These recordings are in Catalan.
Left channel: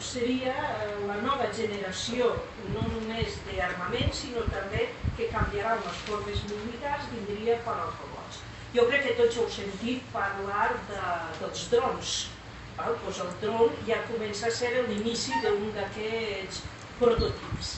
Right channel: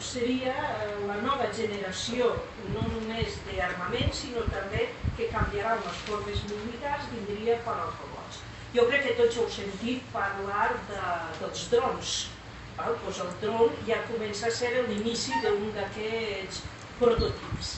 seria la nova generació, no només d'armament, sinó també que canviarà les formes militars, vindria per als robots. Jo crec que tots heu sentit parlar dels drons. Doncs el dron ja comença a ser l'inici d'un d'aquests prototips.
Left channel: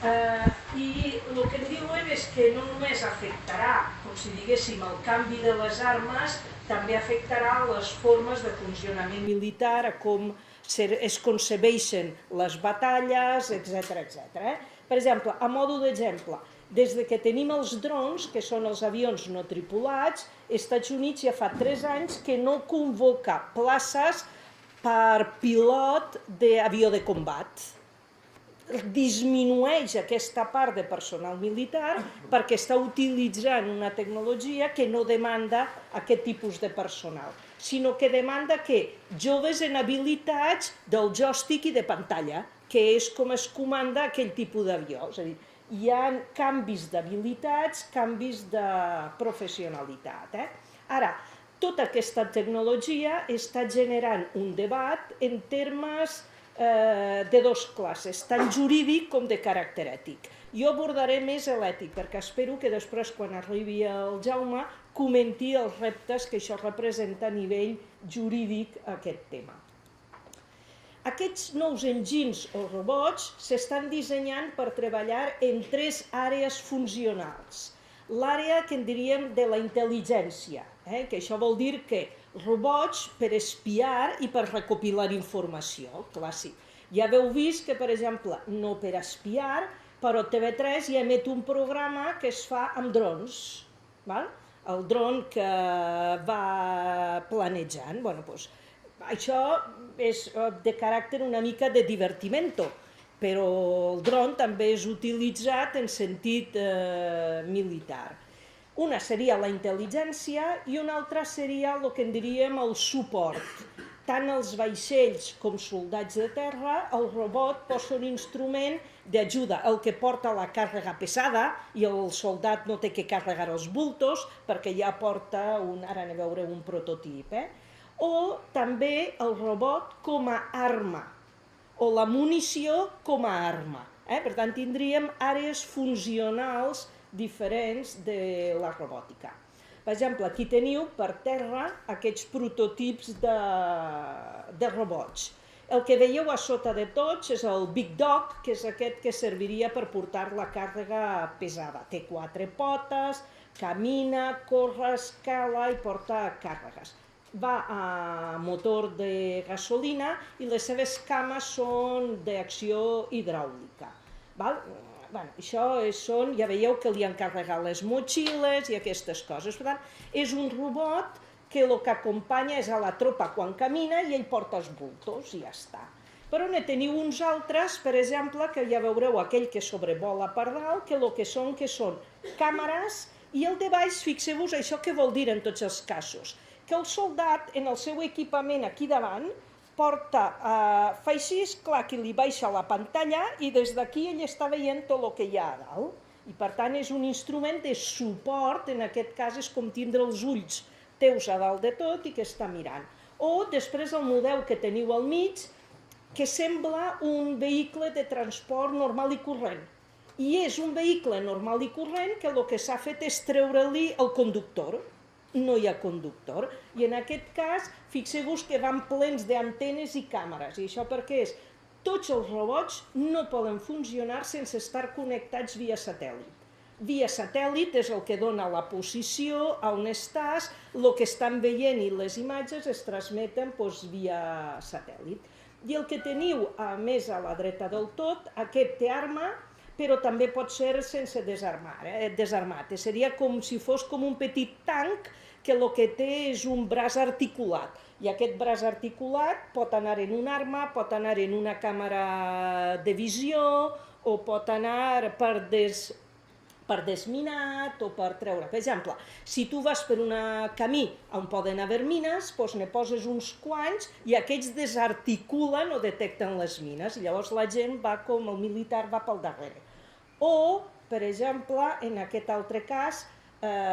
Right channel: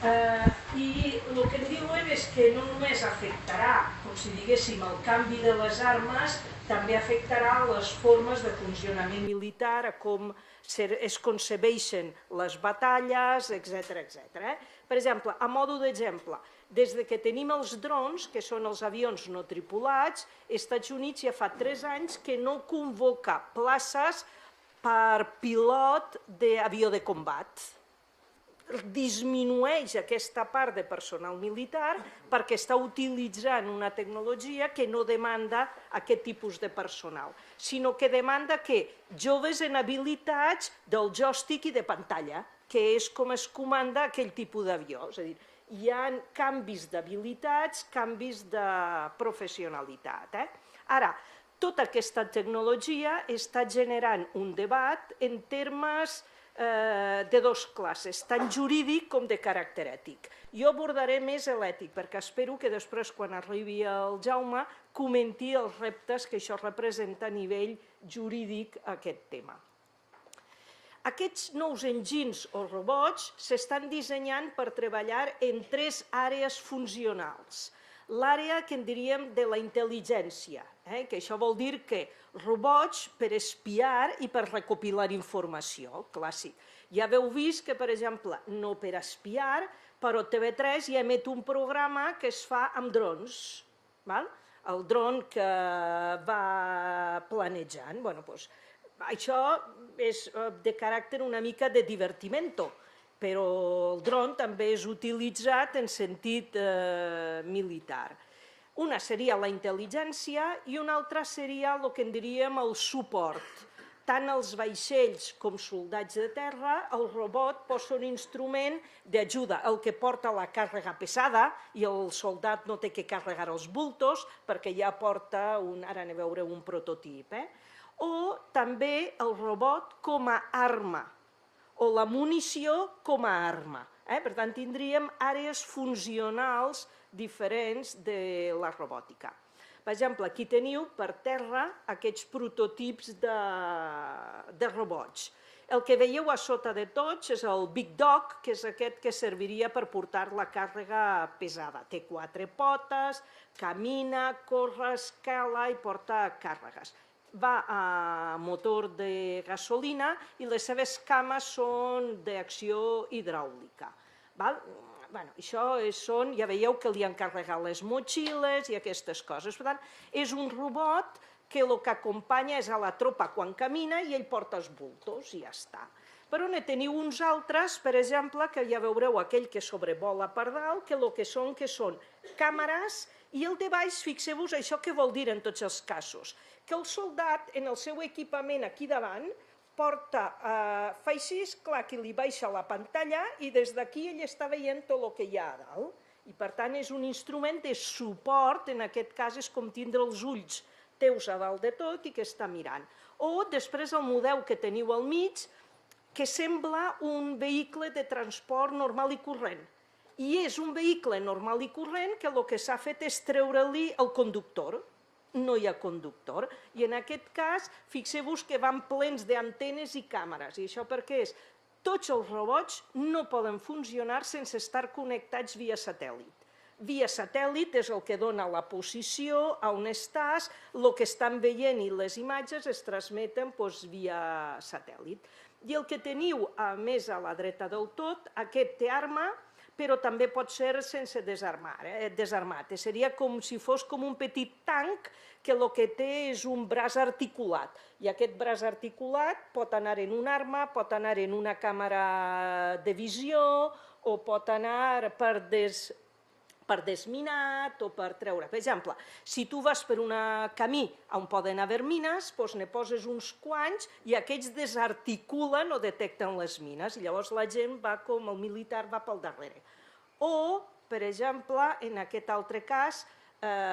I el que en diuen és que no només afectarà, com si diguéssim, el canvi de les armes, també afectarà les formes de funcionament militar, a com es concebeixen les batalles, etc. Per exemple, a mode d'exemple, des que tenim els drons, que són els avions no tripulats, els Estats Units ja fa 3 anys que no convoca places per pilot d'avió de combat. Disminueix aquesta part de personal militar perquè està utilitzant una tecnologia que no demanda aquest tipus de personal, sinó que demanda que joves en habilitats del joystick i de pantalla, que és com es comanda aquell tipus d'avió. És a dir, hi ha canvis d'habilitats, canvis de professionalitat. Ara, tota aquesta tecnologia està generant un debat en termes de 2 classes, tant jurídic com de caràcter ètic. Jo abordaré més l'ètic, perquè espero que després, quan arribi el Jaume, comenti els reptes que això representa a nivell jurídic aquest tema. Aquests nous enginys o robots s'estan dissenyant per treballar en 3 àrees funcionals. L'àrea que en diríem de la intel·ligència, que això vol dir que robots per espiar i per recopilar informació, el clàssic. Ja heu vist que, per exemple, no per espiar, però TV3 ja emet un programa que es fa amb drons. El dron que va planejant. Això és de caràcter una mica de divertimento, però el dron també és utilitzat en sentit militar. Una seria la intel·ligència i una altra seria el que en diríem el suport. Tant els vaixells com soldats de terra, el robot pot ser un instrument d'ajuda, el que porta la càrrega pesada i el soldat no té que carregar els bultos perquè ja porta ara anem a veure un prototip. O també el robot com a arma, o la munició com a arma. Per tant, tindríem àrees funcionals diferents de la robòtica. Per exemple, aquí teniu per terra aquests prototips de robots. El que veieu a sota de tots és el Big Dog, que és aquest que serviria per portar la càrrega pesada. Té 4 potes, camina, corre, escala i porta càrregues. Va a motor de gasolina i les seves cames són d'acció hidràulica. Això són, ja veieu que li han carregat les motxilles i aquestes coses. Per tant, és un robot que el que acompanya és a la tropa quan camina i ell porta els bultos i ja està. Però ne teniu uns altres, per exemple, que ja veureu aquell que sobrevola per dalt, que el que són càmeres, i el de baix, fixeu-vos això què vol dir en tots els casos. Que el soldat, en el seu equipament aquí davant, fa així, clar que li baixa la pantalla i des d'aquí ell està veient tot el que hi ha a dalt. I per tant és un instrument de suport, en aquest cas és com tindre els ulls teus a dalt de tot i que està mirant. O després el model que teniu al mig, que sembla un vehicle de transport normal i corrent. I és un vehicle normal i corrent que el que s'ha fet és treure-li el conductor. No hi ha conductor, i en aquest cas fixeu-vos que van plens d'antenes i càmeres, i això perquè és, tots els robots no poden funcionar sense estar connectats via satèl·lit. Via satèl·lit és el que dona la posició, on estàs, el que estan veient i les imatges es transmeten via satèl·lit. I el que teniu més a la dreta del tot, aquest té arma, però també pot ser sense desarmat. Seria com si fos com un petit tanc que el que té és un braç articulat. I aquest braç articulat pot anar en una arma, pot anar en una càmera de visió, o pot anar per desminat o per treure. Per exemple, si tu vas per un camí on poden haver mines, doncs ne poses uns quants i aquests desarticulen o detecten les mines. Llavors la gent va com el militar va pel darrere. O, per exemple, en aquest altre cas,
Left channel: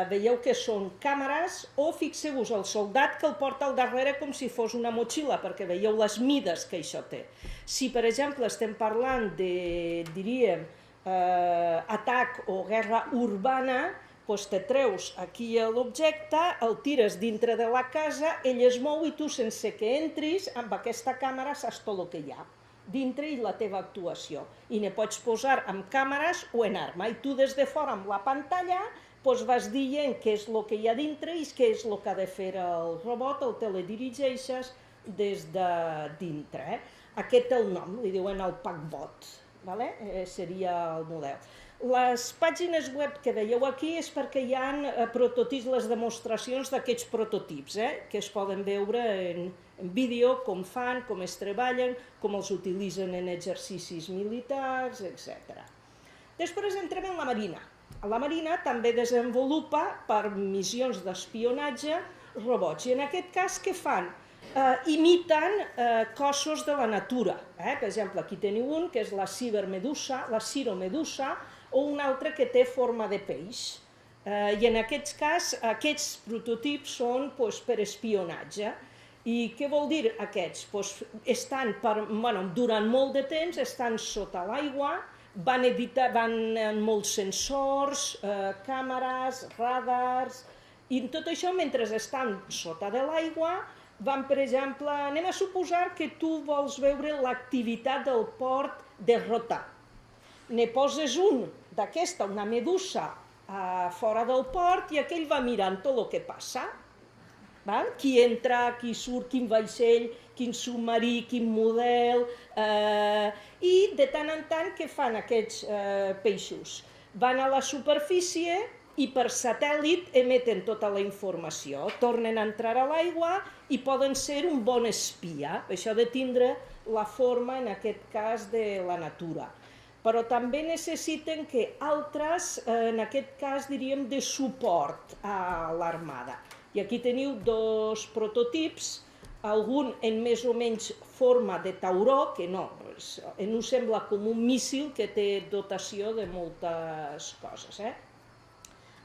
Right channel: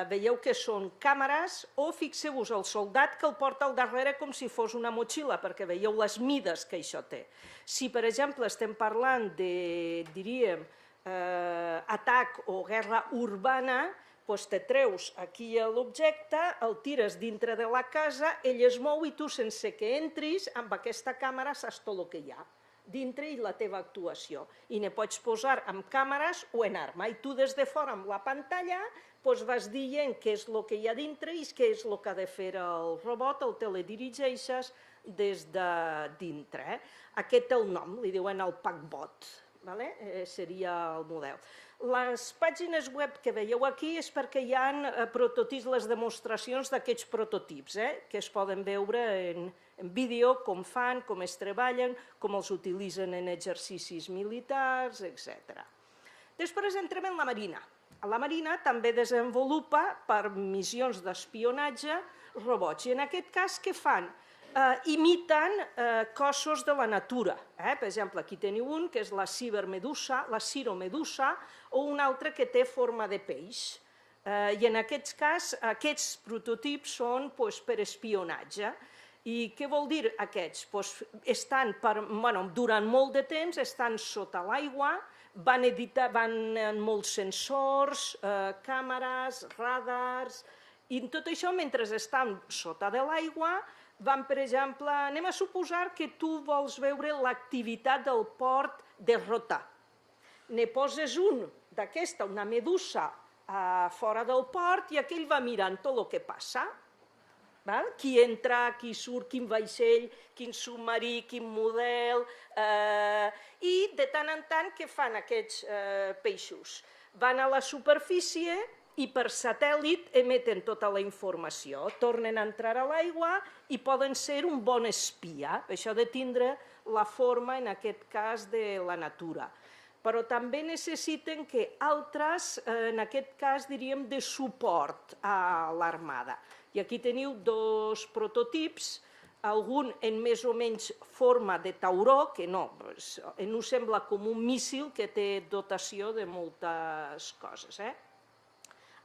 veieu que són càmeres, o fixeu-vos el soldat que el porta al darrere com si fos una motxilla, perquè veieu les mides que això té. Si, per exemple, estem parlant de, diríem, atac o guerra urbana, doncs te treus aquí l'objecte, el tires dintre de la casa, ell es mou i tu, sense que entris, amb aquesta càmera saps tot el que hi ha dintre i la teva actuació. I ne pots posar amb càmeres o en arma. I tu des de fora amb la pantalla vas dient què és el que hi ha dintre i què és el que ha de fer el robot, el teledirigeixes des de dintre. Aquest té el nom, li diuen el PackBot, seria el model. Les pàgines web que veieu aquí és perquè hi ha prototips, les demostracions d'aquests prototips, que es poden veure en vídeo, com fan, com es treballen, com els utilitzen en exercicis militars, etc. Després entrem en la Marina. La Marina també desenvolupa per missions d'espionatge robots. I en aquest cas què fan? Imiten cossos de la natura. Per exemple, aquí teniu un que és la ciromedusa, o un altre que té forma de peix. I en aquest cas, aquests prototips són per espionatge. I què vol dir aquests? Durant molt de temps estan sota l'aigua, van amb molts sensors, càmeres, radars, i tot això mentre estan sota de l'aigua van, per exemple, anem a suposar que tu vols veure l'activitat del port de Rota. Ne poses un d'aquesta, una medusa, fora del port i aquell va mirant tot el que passa. Qui entra, qui surt, quin vaixell, quin submarí, quin model... I de tant en tant què fan aquests peixos? Van a la superfície i per satèl·lit emeten tota la informació, tornen a entrar a l'aigua i poden ser un bon espia. Això de tindre la forma, en aquest cas, de la natura. Però també necessiten que altres, en aquest cas, diríem, de suport a l'armada. I aquí teniu dos prototips, algun en més o menys forma de tauró, que no sembla com un míssil que té dotació de moltes coses.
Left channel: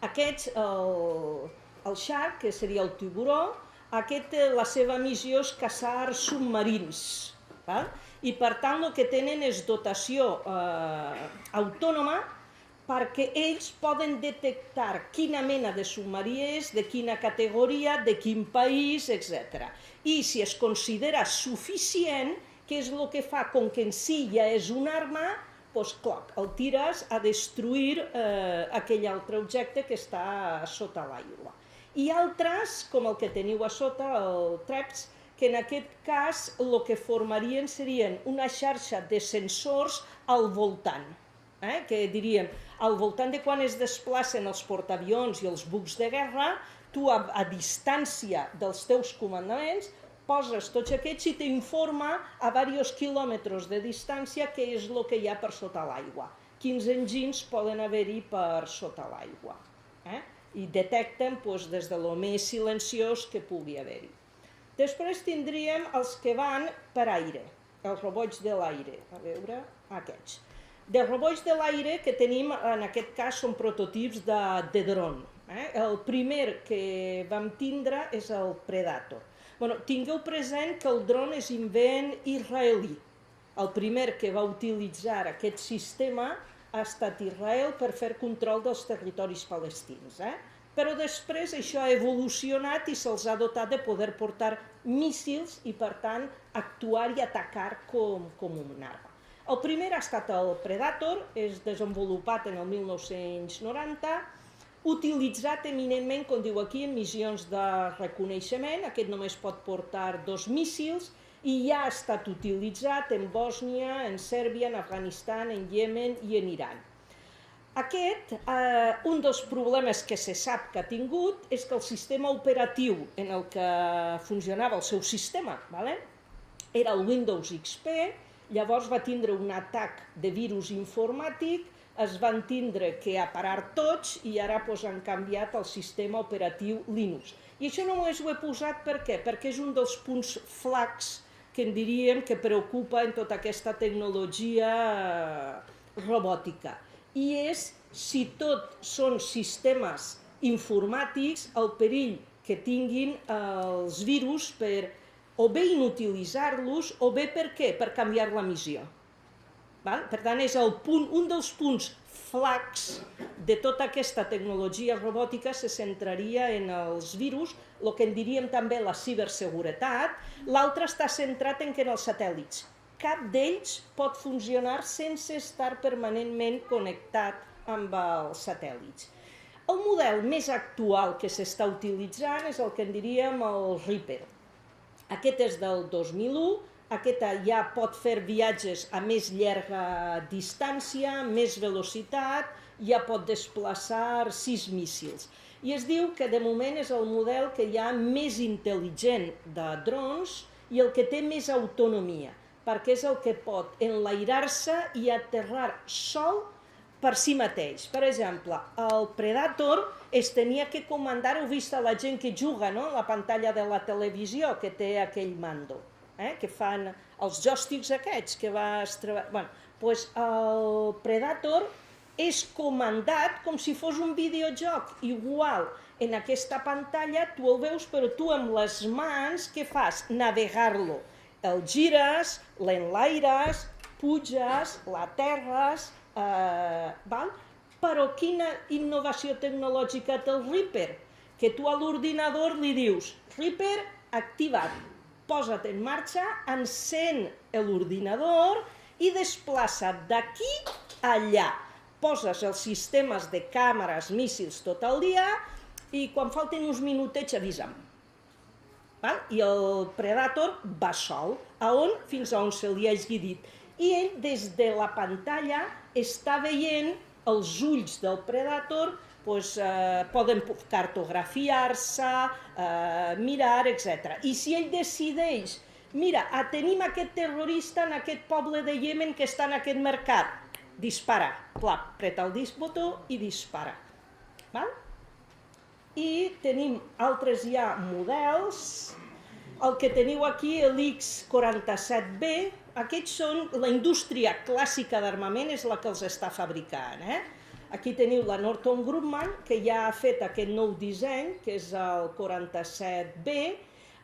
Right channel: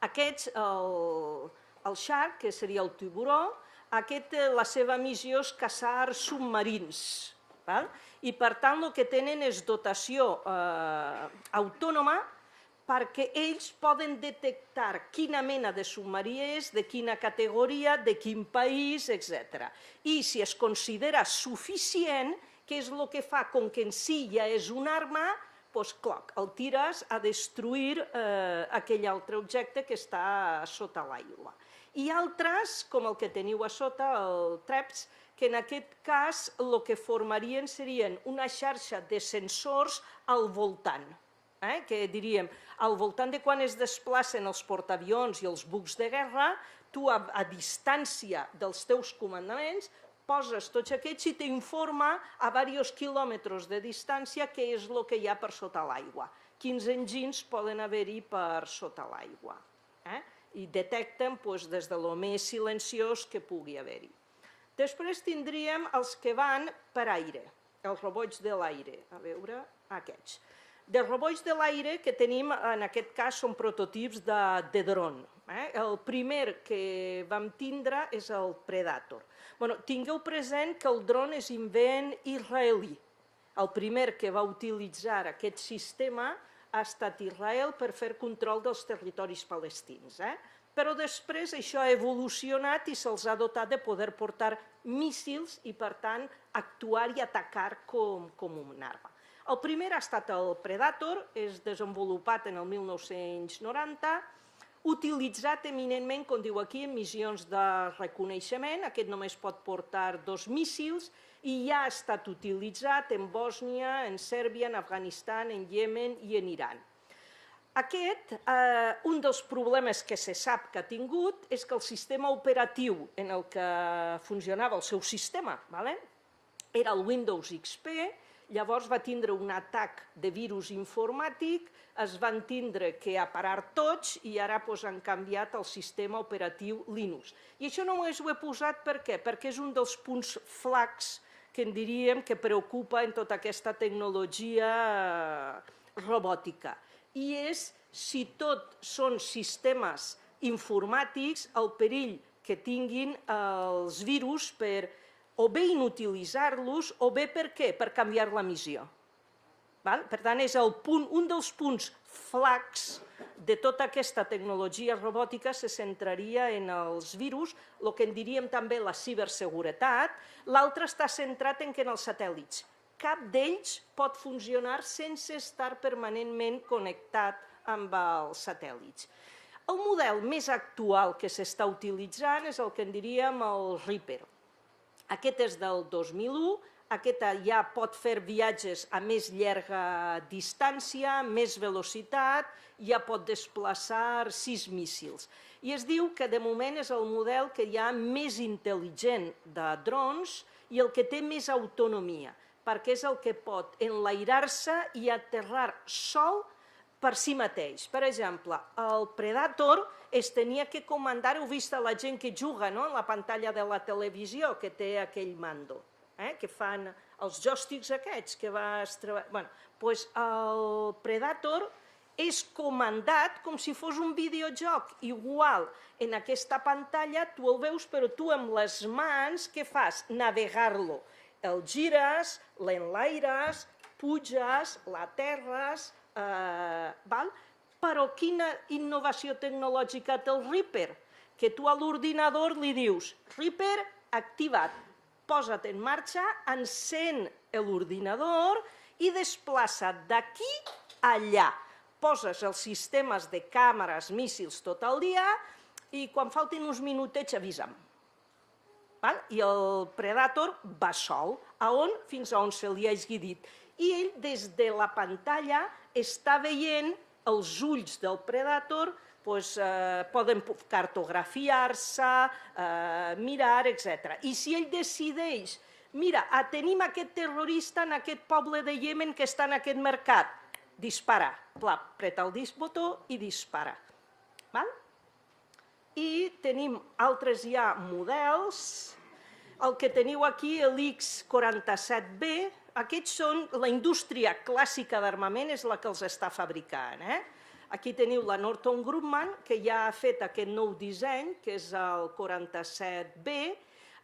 Aquests, el Shark, que seria el tiburó, la seva missió és caçar submarins. I per tant el que tenen és dotació autònoma, perquè ells poden detectar quina mena de submarí és, de quina categoria, de quin país, etc. I si es considera suficient, què és el que fa? Com que en si ja és una arma, doncs clar, el tires a destruir aquell altre objecte que està sota l'aigua. I altres, com el que teniu a sota, el TREPS, que en aquest cas el que formarien serien una xarxa de sensors al voltant. Que diríem, al voltant de quan es desplacen els portaavions i els bucs de guerra, tu a distància dels teus comandaments poses tots aquests i t'informa a diversos quilòmetres de distància què és el que hi ha per sota l'aigua. Quins enginys poden haver-hi per sota l'aigua. I detecten des de lo més silenciós que pugui haver-hi. Després tindríem els que van per aire, els robots de l'aire. A veure, aquests. De robots de l'aire que tenim, en aquest cas, són prototips de dron. El primer que vam tindre és el Predator. Tingueu present que el dron és invent israelí. El primer que va utilitzar aquest sistema ha estat Israel per fer control dels territoris palestins. Però després això ha evolucionat i se'ls ha dotat de poder portar míssils i, per tant, actuar i atacar com una arma. El primer ha estat el Predator, és desenvolupat en el 1990, utilitzat eminentment, com diu aquí, en missions de reconeixement. Aquest només pot portar 2 míssils i ja ha estat utilitzat en Bòsnia, en Sèrbia, en Afganistan, en Iemen i en Iran. Aquest, un dels problemes que se sap que ha tingut és que el sistema operatiu en el que funcionava el seu sistema era el Windows XP. Llavors va tindre un atac de virus informàtic, es van tindre que aparar tots i ara han canviat el sistema operatiu Linux. I això només ho he posat per què? Perquè és un dels punts flacs que en diríem que preocupa en tota aquesta tecnologia robòtica. I és si tot són sistemes informàtics, el perill que tinguin els virus per o bé inutilitzar-los o bé per què? Per canviar la missió. Per tant, és un dels punts flacs de tota aquesta tecnologia robòtica se centraria en els virus, el que en diríem també la ciberseguretat. L'altre està centrat en els satèl·lits. Cap d'ells pot funcionar sense estar permanentment connectat amb els satèl·lits. El model més actual que s'està utilitzant és el que en diríem el Reaper. Aquest és del 2001, aquest ja pot fer viatges a més llarga distància, més velocitat, ja pot desplaçar 6 míssils. I es diu que de moment és el model que hi ha més intel·ligent de drons i el que té més autonomia, perquè és el que pot enlairar-se i aterrar sol per si mateix. Per exemple, el Predator es tenia que comandar, heu vist la gent que juga, no?, a la pantalla de la televisió, que té aquell mando, que fan els joysticks aquests, que vas treballar. Doncs el Predator és comandat com si fos un videojoc, igual. En aquesta pantalla tu el veus, però tu amb les mans, què fas? Navegar-lo. El gires, l'enlaires, puges, l'aterres, però quina innovació tecnològica té el Reaper? Que tu a l'ordinador li dius, Reaper activat, posa't en marxa, encén l'ordinador i desplaça't d'aquí a allà. Poses els sistemes de càmeres, míssils tot el dia i quan falten uns minutets avisa'm. I el Predator va sol, fins a on se li hagi dit. I ell des de la pantalla està veient els ulls del Predator, poden cartografiar-se, mirar, etc. I si ell decideix, mira, tenim aquest terrorista en aquest poble de Iemen que està en aquest mercat, dispara, apreta el botó i dispara. I tenim altres ja models, el que teniu aquí, l'X-47B, aquests són la indústria clàssica d'armament, és la que els està fabricant. Aquí teniu la Northrop Grumman, que ja ha fet aquest nou disseny, que és el 47B.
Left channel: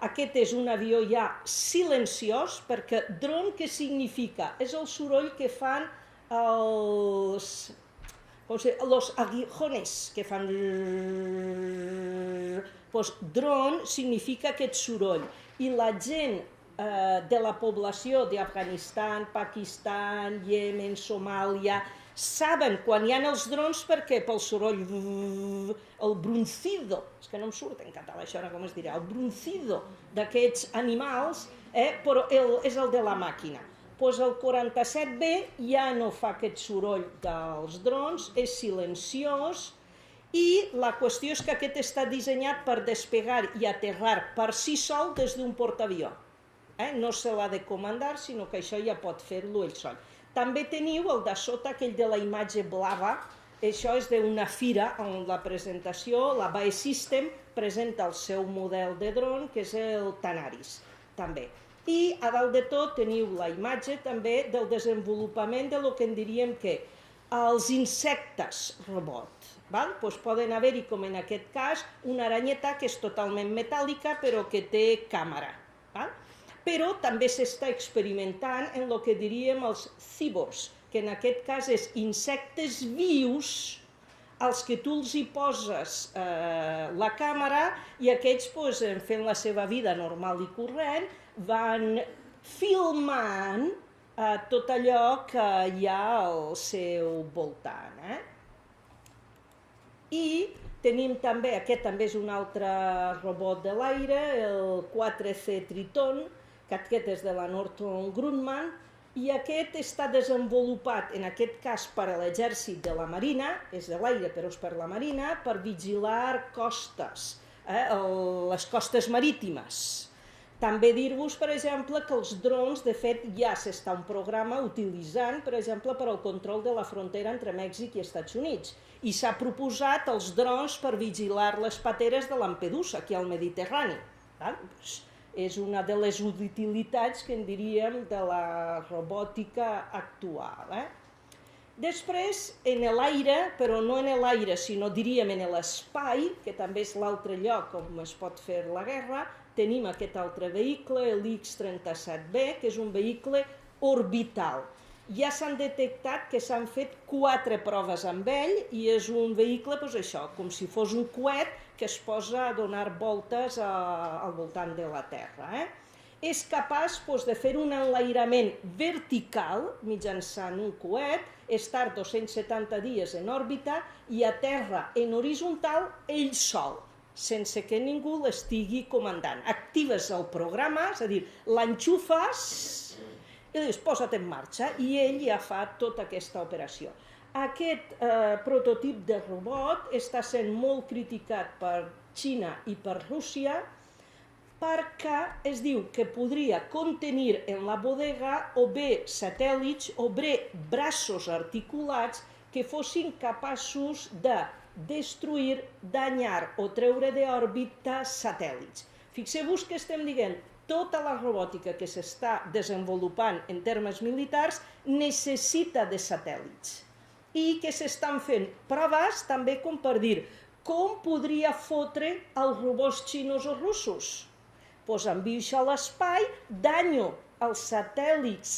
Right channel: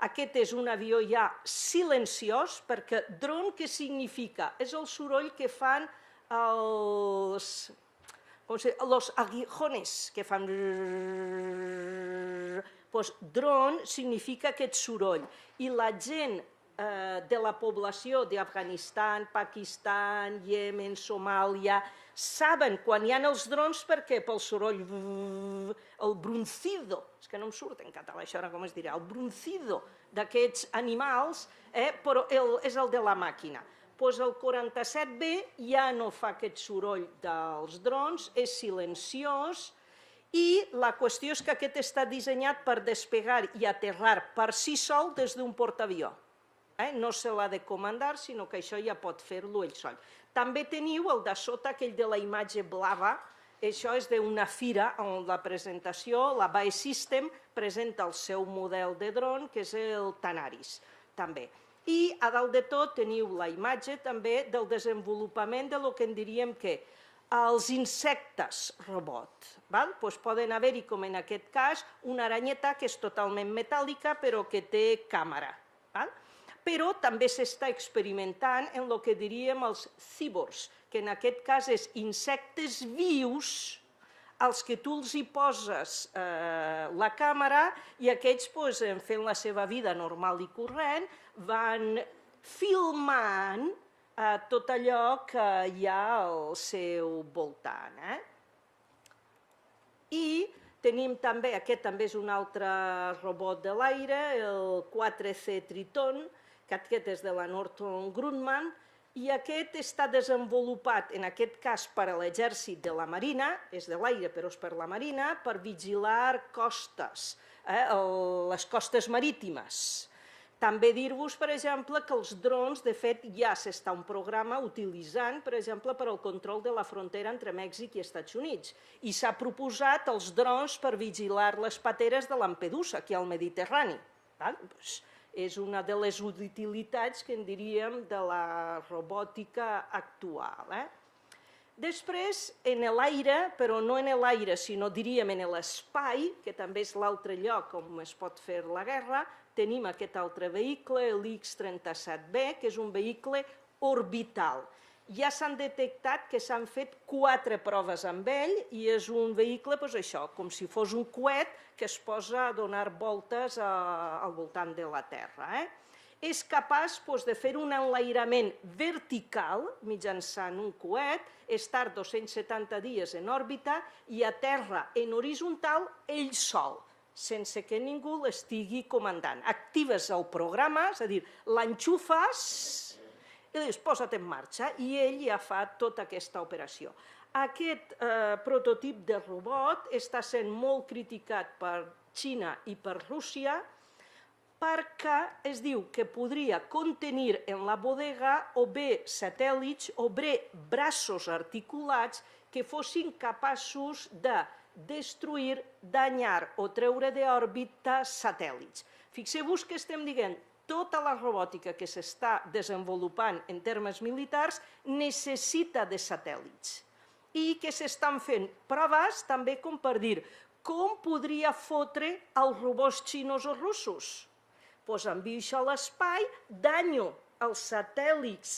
Aquest és un avió ja silenciós, perquè dron què significa? És el soroll que fan los aguijones, que fan... Dron significa aquest soroll. I la gent de la població d'Afganistan, Pakistan, Iemen, Somàlia, saben quan hi ha els drons perquè pel soroll, el bruncido, és que no em surt en català això, com es dirà, el bruncido d'aquests animals, però és el de la màquina. Doncs el 47B ja no fa aquest soroll dels drons, és silenciós, i la qüestió és que aquest està dissenyat per despegar i aterrar per si sol des d'un portaavió. No se l'ha de comandar, sinó que això ja pot fer-lo ell sol. També teniu el de sota, aquell de la imatge blava, això és d'una fira on la presentació, la BAE System, presenta el seu model de dron, que és el Tanaris, també. I a dalt de tot teniu la imatge també del desenvolupament del que en diríem que els insectes robot. Poden haver-hi, com en aquest cas, una aranyeta que és totalment metàl·lica però que té càmera. Però també s'està experimentant en el que diríem els cyborgs, que en aquest cas és insectes vius als que tu els hi poses la càmera i aquests, fent la seva vida normal i corrent, van filmant tot allò que hi ha al seu voltant. I tenim també, aquest també és un altre robot de l'aire, el 4C Triton, que aquest és de la Northrop Grumman, i aquest està desenvolupat, en aquest cas per a l'exèrcit de la Marina, és de l'aire però és per la Marina, per vigilar costes, les costes marítimes. També dir-vos, per exemple, que els drons, de fet, ja s'està un programa utilitzant, per exemple, per al control de la frontera entre Mèxic i Estats Units. I s'ha proposat els drons per vigilar les pateres de Lampedusa, aquí al Mediterrani. És una de les utilitats que en diríem de la robòtica actual. Després, en l'aire, però no en l'aire, sinó diríem en l'espai, que també és l'altre lloc on es pot fer la guerra, tenim aquest altre vehicle, l'X-37B, que és un vehicle orbital. Ja s'han detectat que s'han fet 4 proves amb ell i és un vehicle, doncs això, com si fos un coet que es posa a donar voltes al voltant de la Terra. És capaç de fer un enlairament vertical mitjançant un coet, estar 270 dies en òrbita i a terra en horitzontal ell sol, sense que ningú l'estigui comandant. Actives el programa, és a dir, l'enxufes i dius, posa't en marxa, i ell ja fa tota aquesta operació. Aquest prototip de robot està sent molt criticat per Xina i per Rússia perquè es diu que podria contenir en la bodega o bé satèl·lits o bé braços articulats que fossin capaços de destruir, danyar o treure d'òrbita satèl·lits. Fixeu-vos que estem dient tota la robòtica que s'està desenvolupant en termes militars necessita de satèl·lits i que s'estan fent proves també com per dir com podria fotre els robots xinos o russos. Doncs envio això a l'espai, danyo els satèl·lits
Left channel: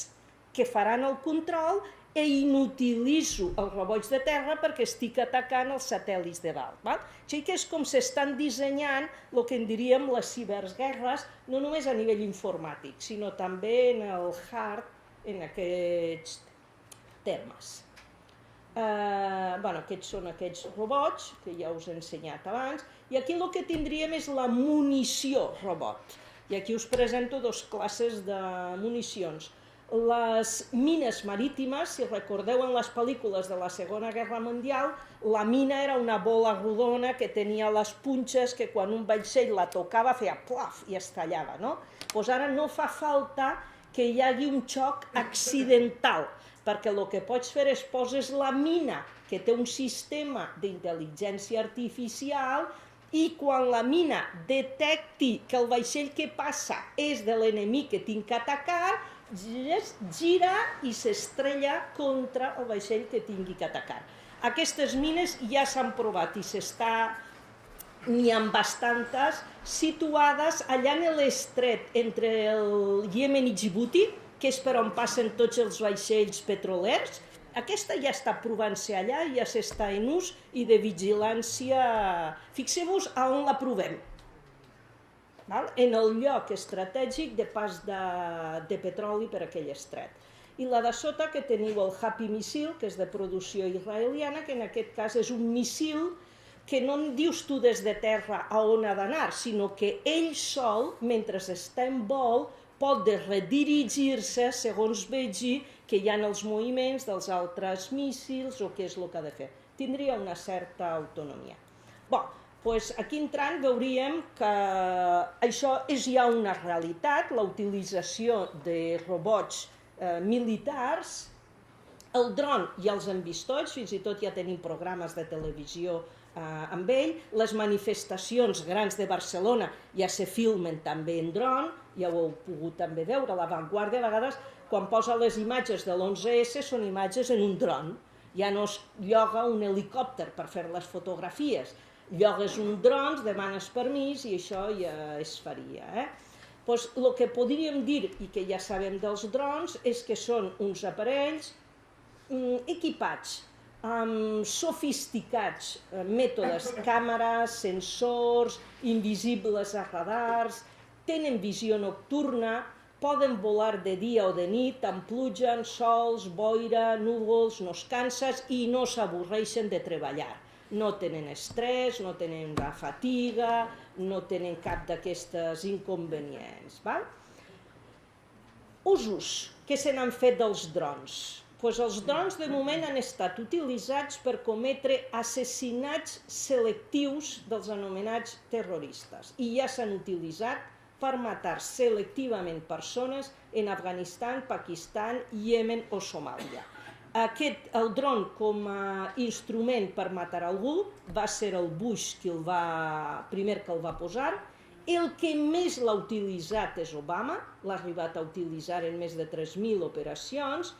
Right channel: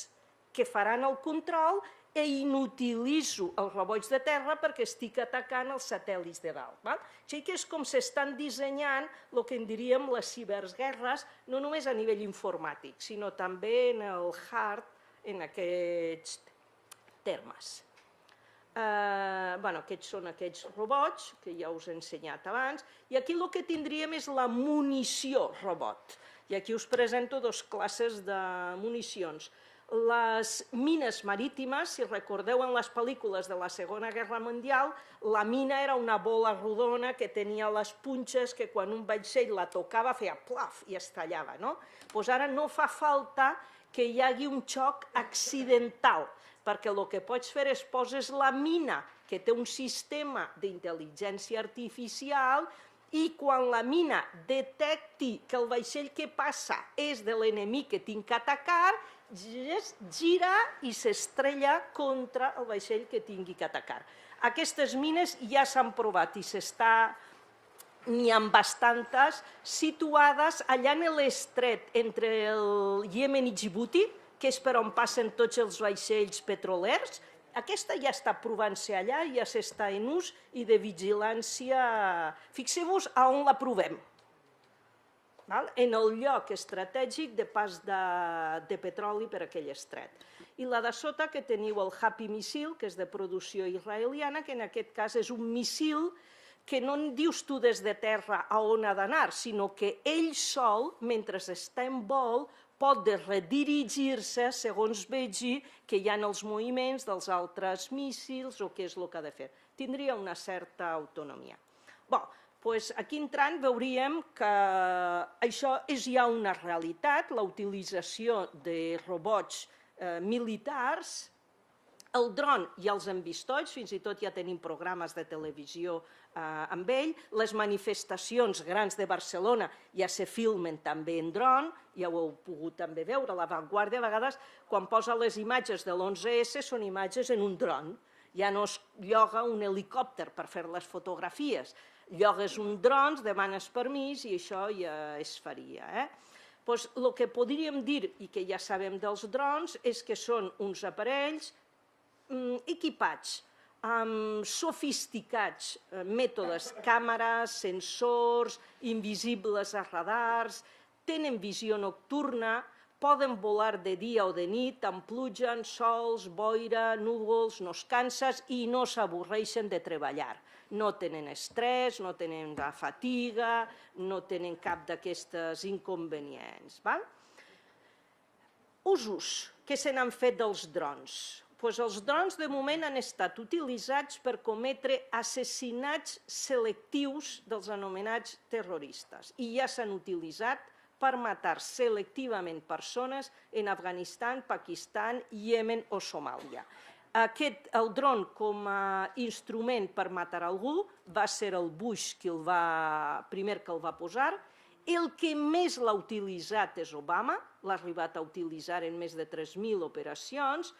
que faran el control i inutilitzo els robots de terra perquè estic atacant els satèl·lits de dalt. Així que és com s'estan dissenyant el que en diríem les ciberguerres, no només a nivell informàtic, sinó també en el hard, en aquests termes. Aquests són aquests robots, que ja us he ensenyat abans, i aquí el que tindríem és la munició robot. I aquí us presento 2 classes de municions. Les mines marítimes, si recordeu en les pel·lícules de la Segona Guerra Mundial, la mina era una bola rodona que tenia les punxes que quan un vaixell la tocava feia plaf i es tallava, no? Doncs ara no fa falta que hi hagi un xoc accidental, perquè el que pots fer és poses la mina, que té un sistema d'intel·ligència artificial, i quan la mina detecti que el vaixell que passa és de l'enemic que tinc que atacar, gira i s'estrella contra el vaixell que tingui que atacar. Aquestes mines ja s'han provat i n'hi ha bastantes situades allà en l'estret entre el Iemen i Djibouti, que és per on passen tots els vaixells petrolers. Aquesta ja està provant-se allà, ja s'està en ús i de vigilància. Fixeu-vos a on la provem. En el lloc estratègic de pas de petroli per aquell estret. I la de sota que teniu el Happy Missile, que és de producció israeliana, que en aquest cas és un missil que no en dius tu des de terra a on ha d'anar, sinó que ell sol, mentre està en vol, pot redirigir-se segons vegi que hi ha els moviments dels altres míssils o què és el que ha de fer. Tindria una certa autonomia. Doncs aquí entrant veuríem que això és ja una realitat, la utilització de robots militars. El dron ja els hem vist tots, fins i tot ja tenim programes de televisió amb ell. Les manifestacions grans de Barcelona ja se filmen també en dron, ja ho heu pogut també veure. La Vanguardia a vegades quan posa les imatges de l'11S són imatges en un dron. Ja no es lloga un helicòpter per fer les fotografies, llogues un dron, demanes permís i això ja es faria. Doncs el que podríem dir, i que ja sabem dels drons, és que són uns aparells equipats amb sofisticats mètodes, càmeres, sensors, invisibles a radars, tenen visió nocturna, poden volar de dia o de nit, amb pluja, sols, boira, núvols, no es cansen i no s'avorreixen de treballar. No tenen estrès, no tenen fatiga, no tenen cap d'aquestes inconvenients. Usos que se n'han fet dels drons. Els drons de moment han estat utilitzats per cometre assassinats selectius dels anomenats terroristes i ja s'han utilitzat per matar selectivament persones en Afganistan, Pakistan, Iemen o Somàlia. El dron com a instrument per matar algú va ser el Bush primer que el va posar. El que més l'ha utilitzat és Obama, l'ha arribat a utilitzar en més de 3.000 operacions.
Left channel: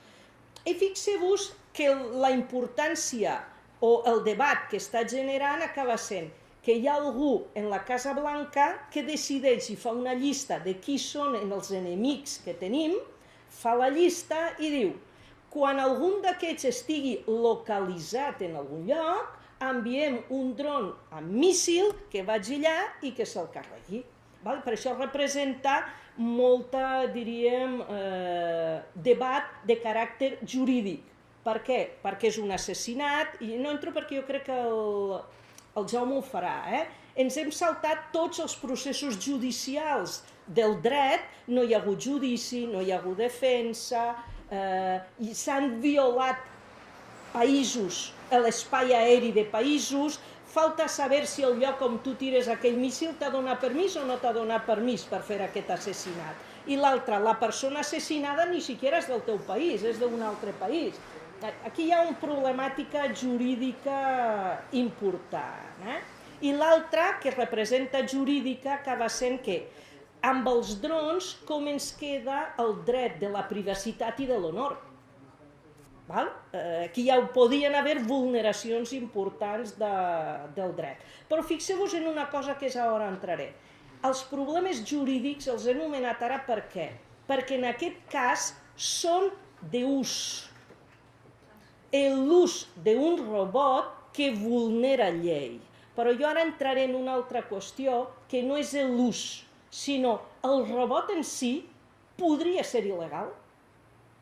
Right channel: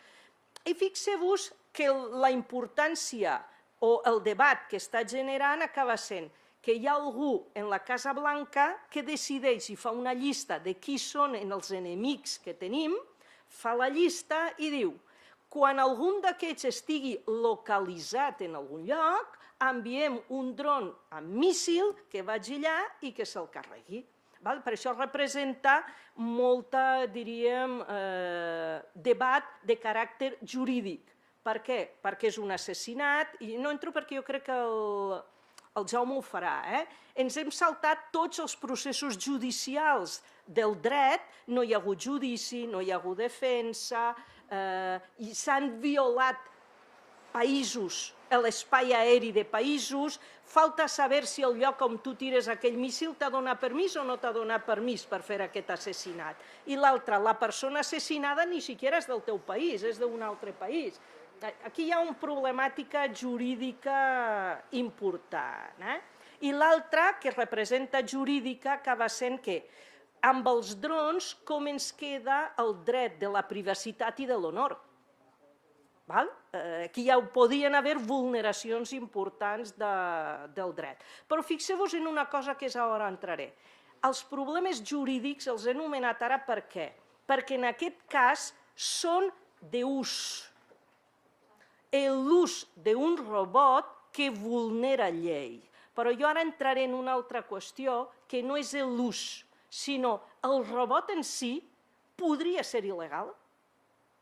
I fixeu-vos que la importància o el debat que està generant acaba sent que hi ha algú en la Casa Blanca que decideix i fa una llista de qui són els enemics que tenim, fa la llista i diu: quan algun d'aquests estigui localitzat en algun lloc, enviem un dron amb míssil que vagi allà i que se'l carregui. Per això representa molta, diríem, debat de caràcter jurídic. Per què? Perquè és un assassinat, i no entro perquè jo crec que el Jaume ho farà. Ens hem saltat tots els processos judicials del dret, no hi ha hagut judici, no hi ha hagut defensa, i s'han violat països, l'espai aeri de països, falta saber si el lloc on tu tires aquell míssil t'ha donat permís o no t'ha donat permís per fer aquest assassinat. I l'altre, la persona assassinada ni siquiera és del teu país, és d'un altre país. Aquí hi ha una problemàtica jurídica important. I l'altra, que representa jurídica, acaba sent que amb els drons com ens queda el dret de la privacitat i de l'honor. Aquí ja podien haver vulneracions importants del dret. Però fixeu-vos en una cosa que és on entraré. Els problemes jurídics els he anomenat ara per què? Perquè en aquest cas són d'ús. L'ús d'un robot que vulnera llei. Però jo ara entraré en una altra qüestió, que no és l'ús, sinó el robot en si podria ser il·legal.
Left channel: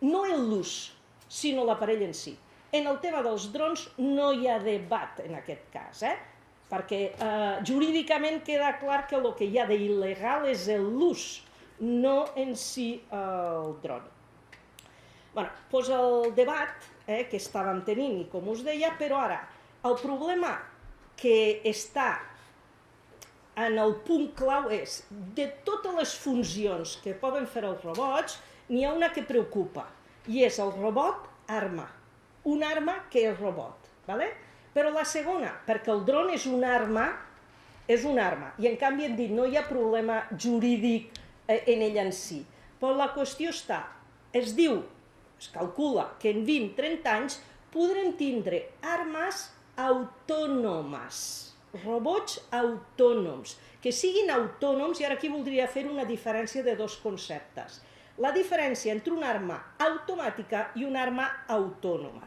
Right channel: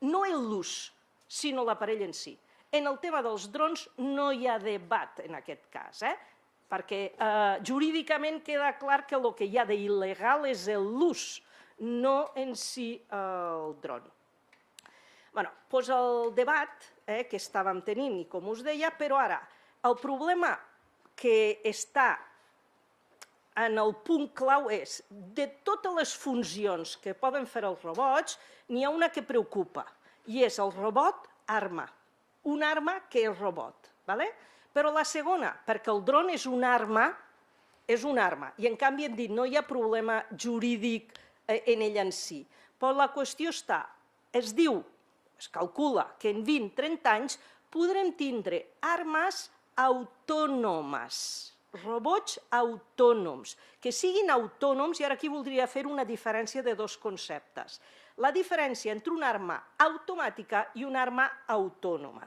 No l'ús, sinó l'aparell en si. En el tema dels drons no hi ha debat en aquest cas, perquè jurídicament queda clar que el que hi ha d'il·legal és l'ús, no en si el dron. Doncs el debat que estàvem tenint, i com us deia, però ara, el problema que està en el punt clau és, de totes les funcions que poden fer els robots, n'hi ha una que preocupa, i és el robot arma. Un arma que és robot. Però la segona, perquè el dron és una arma, i en canvi hem dit no hi ha problema jurídic en ell en si. Però la qüestió està, es calcula que en 20-30 anys podrem tindre armes autònomes, robots autònoms, que siguin autònoms, i ara aquí voldria fer una diferència de dos conceptes. La diferència entre una arma automàtica i una arma autònoma.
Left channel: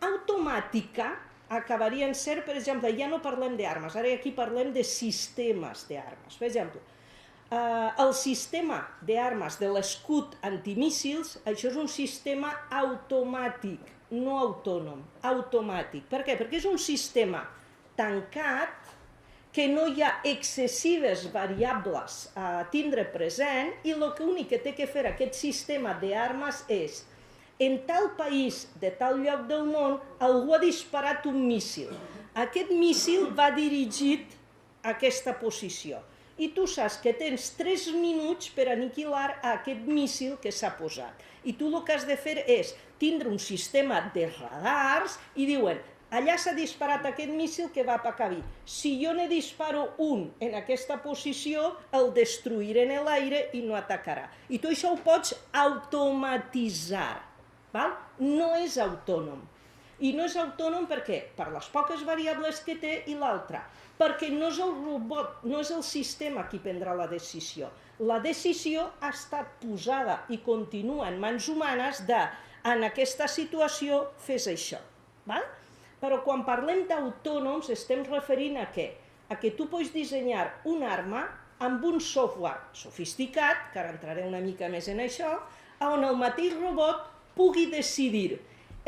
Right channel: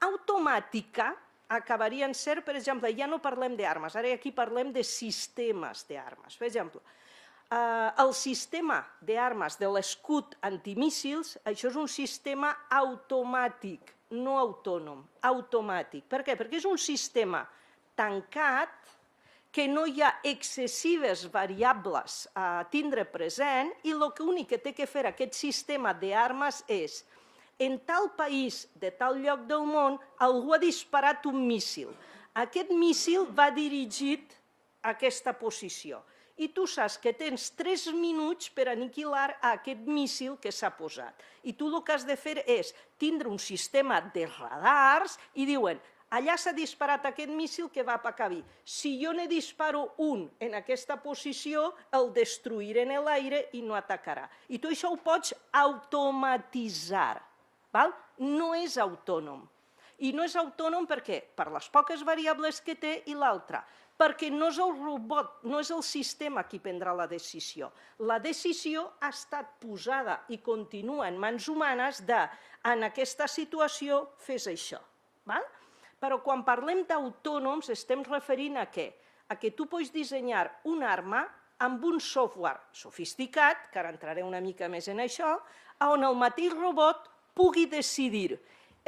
Automàtica acabaria en ser, per exemple, ja no parlem d'armes, ara aquí parlem de sistemes d'armes. Per exemple, el sistema d'armes de l'escut antimíssils, això és un sistema automàtic, no autònom, automàtic. Per què? Perquè és un sistema tancat, que no hi ha excessives variables a tindre present, i l'únic que té que fer aquest sistema d'armes és, en tal país de tal lloc del món, algú ha disparat un míssil. Aquest míssil va dirigit a aquesta posició. I tu saps que tens 3 minuts per aniquilar aquest míssil que s'ha posat. I tu el que has de fer és tindre un sistema de radars i diuen, allà s'ha disparat aquest míssil que va per aquí. Si jo ne disparo un en aquesta posició, el destruiré en l'aire i no atacarà. I tu això ho pots automatitzar. No és autònom. I no és autònom per què? Per les poques variables que té, i l'altra, perquè no és el robot, no és el sistema qui prendrà la decisió. La decisió ha estat posada i continua en mans humanes de, en aquesta situació, fes això. Però quan parlem d'autònoms estem referint a què? A que tu pots dissenyar una arma amb un software sofisticat, que ara entraré una mica més en això, on el mateix robot pugui decidir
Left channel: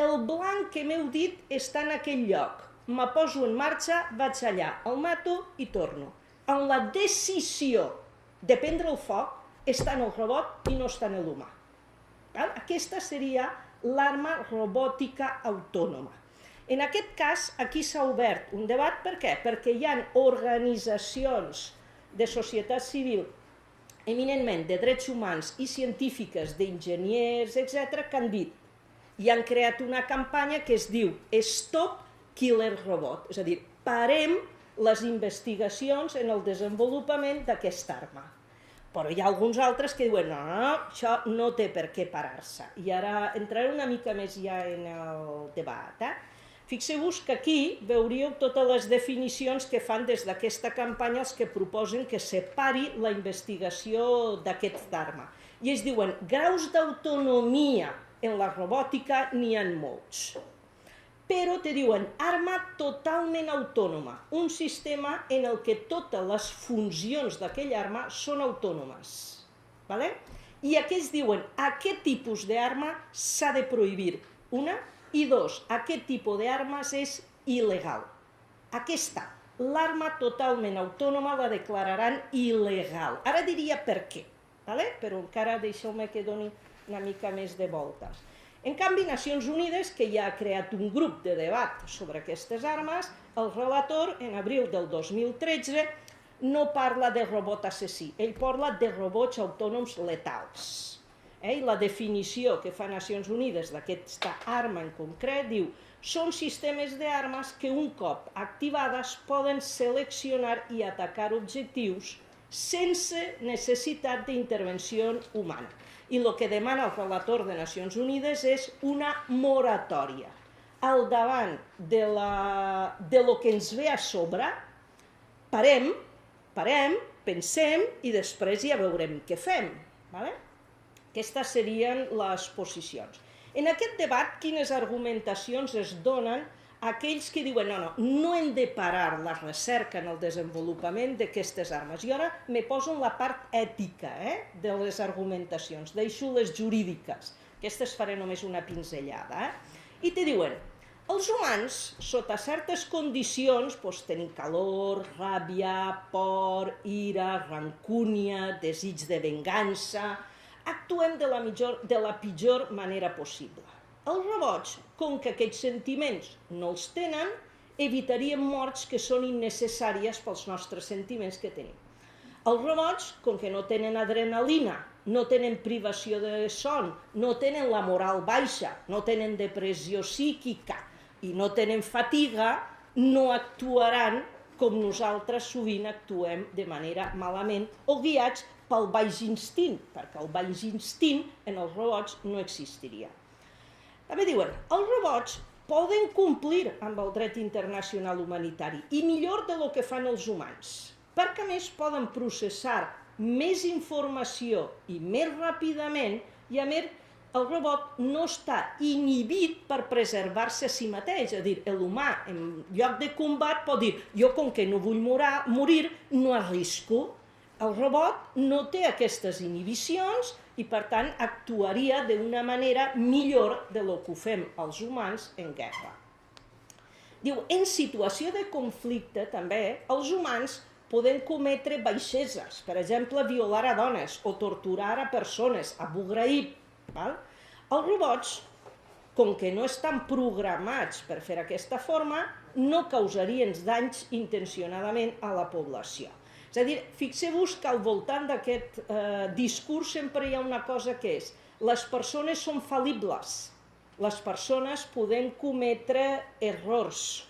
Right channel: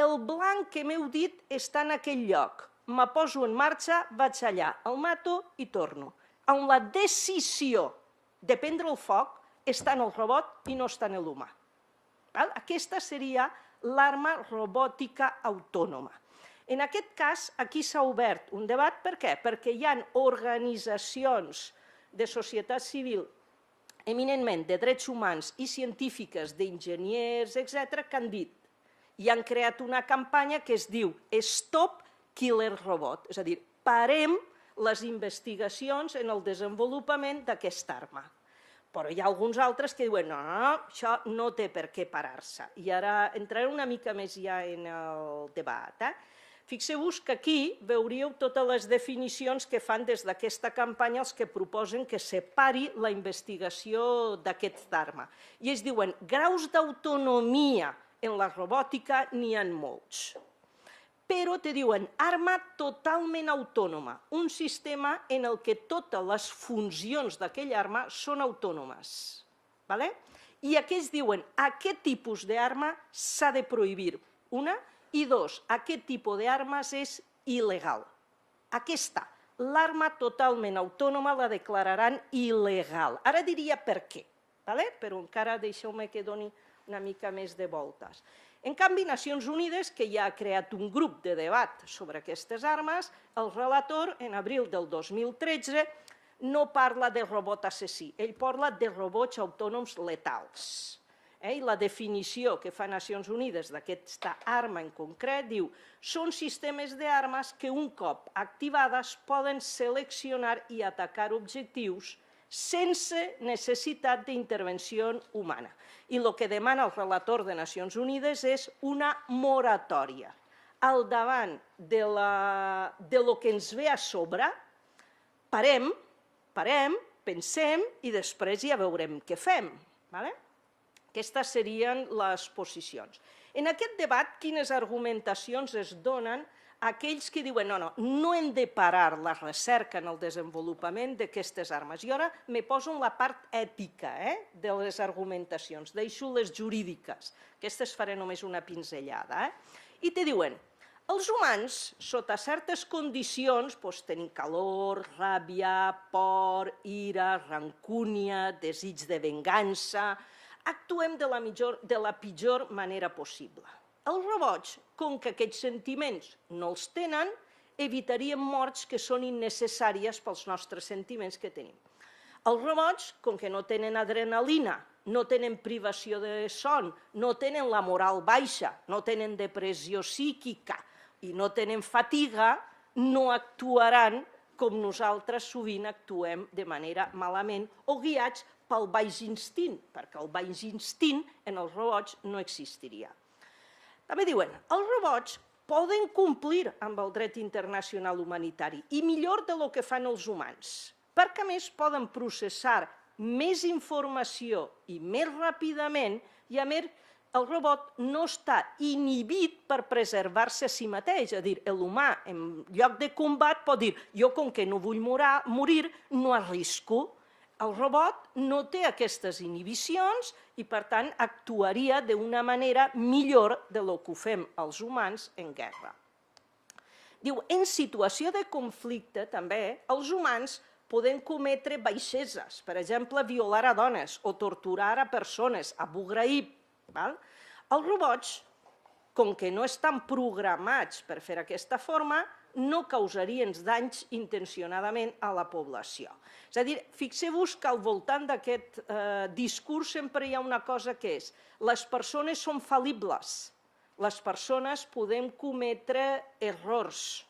el blanc que m'heu dit està en aquell lloc, me poso en marxa, vaig allà, el mato i torno. On la decisió de prendre el foc està en el robot i no està en l'humà. Aquesta seria l'arma robòtica autònoma. En aquest cas, aquí s'ha obert un debat. Per què? Perquè hi ha organitzacions de societat civil, eminentment de drets humans i científiques, d'enginyers, etc., que han dit i han creat una campanya que es diu Stop Killer Robot, és a dir, parem les investigacions en el desenvolupament d'aquesta arma. Però hi ha alguns altres que diuen no, això no té per què parar-se. I ara entraré una mica més ja en el debat. Fixeu-vos que aquí veuríeu totes les definicions que fan des d'aquesta campanya els que proposen que separi la investigació d'aquest arma. I es diuen graus d'autonomia en la robòtica n'hi ha molts. Però te diuen arma totalment autònoma, un sistema en el que totes les funcions d'aquella arma són autònomes. I aquí es diuen aquest tipus d'arma s'ha de prohibir, una, i dos, aquest tipus d'armes és il·legal. Aquí està, l'arma totalment autònoma la declararan il·legal. Ara diria per què, però encara deixeu-me que doni una mica més de voltes. En canvi, Nacions Unides, que ja ha creat un grup de debat sobre aquestes armes, el relator, en abril del 2013, no parla de robot assassí, ell parla de robots autònoms letals. La definició que fa Nacions Unides d'aquesta arma en concret diu són sistemes d'armes que un cop activades poden seleccionar i atacar objectius sense necessitat d'intervenció humana. I el que demana el relator de Nacions Unides és una moratòria. Al davant de lo que ens ve a sobre, parem, pensem i després ja veurem què fem. Aquestes serien les posicions. En aquest debat, quines argumentacions es donen a aquells que diuen no hem de parar la recerca en el desenvolupament d'aquestes armes. I ara me poso en la part ètica de les argumentacions, deixo les jurídiques, aquestes faré només una pinzellada. I te diuen, els humans, sota certes condicions, tenim calor, ràbia, por, ira, rancúnia, desig de vengança, actuem de la pitjor manera possible. Els robots, com que aquests sentiments no els tenen, evitarien morts que són innecessàries pels nostres sentiments que tenim. Els robots, com que no tenen adrenalina, no tenen privació de son, no tenen la moral baixa, no tenen depressió psíquica i no tenen fatiga, no actuaran com nosaltres sovint actuem de manera malament o guiats pel baix instint, perquè el baix instint en els robots no existiria. També diuen, els robots poden complir amb el dret internacional humanitari i millor del que fan els humans, perquè a més poden processar més informació i més ràpidament i a més el robot no està inhibit per preservar-se a si mateix, és a dir, l'humà en lloc de combat pot dir jo com que no vull morir no arrisco. El robot no té aquestes inhibicions i per tant actuaria d'una manera millor del que ho fem els humans en guerra. Diu, en situació de conflicte també els humans poden cometre baixeses, per exemple, violar a dones o torturar a persones, Abu Ghraib. Els robots, com que no estan programats per fer aquesta forma, no causarien danys intencionadament a la població. És a dir, fixeu-vos que al voltant d'aquest discurs sempre hi ha una cosa que és les persones són fal·libles, les persones podem cometre errors,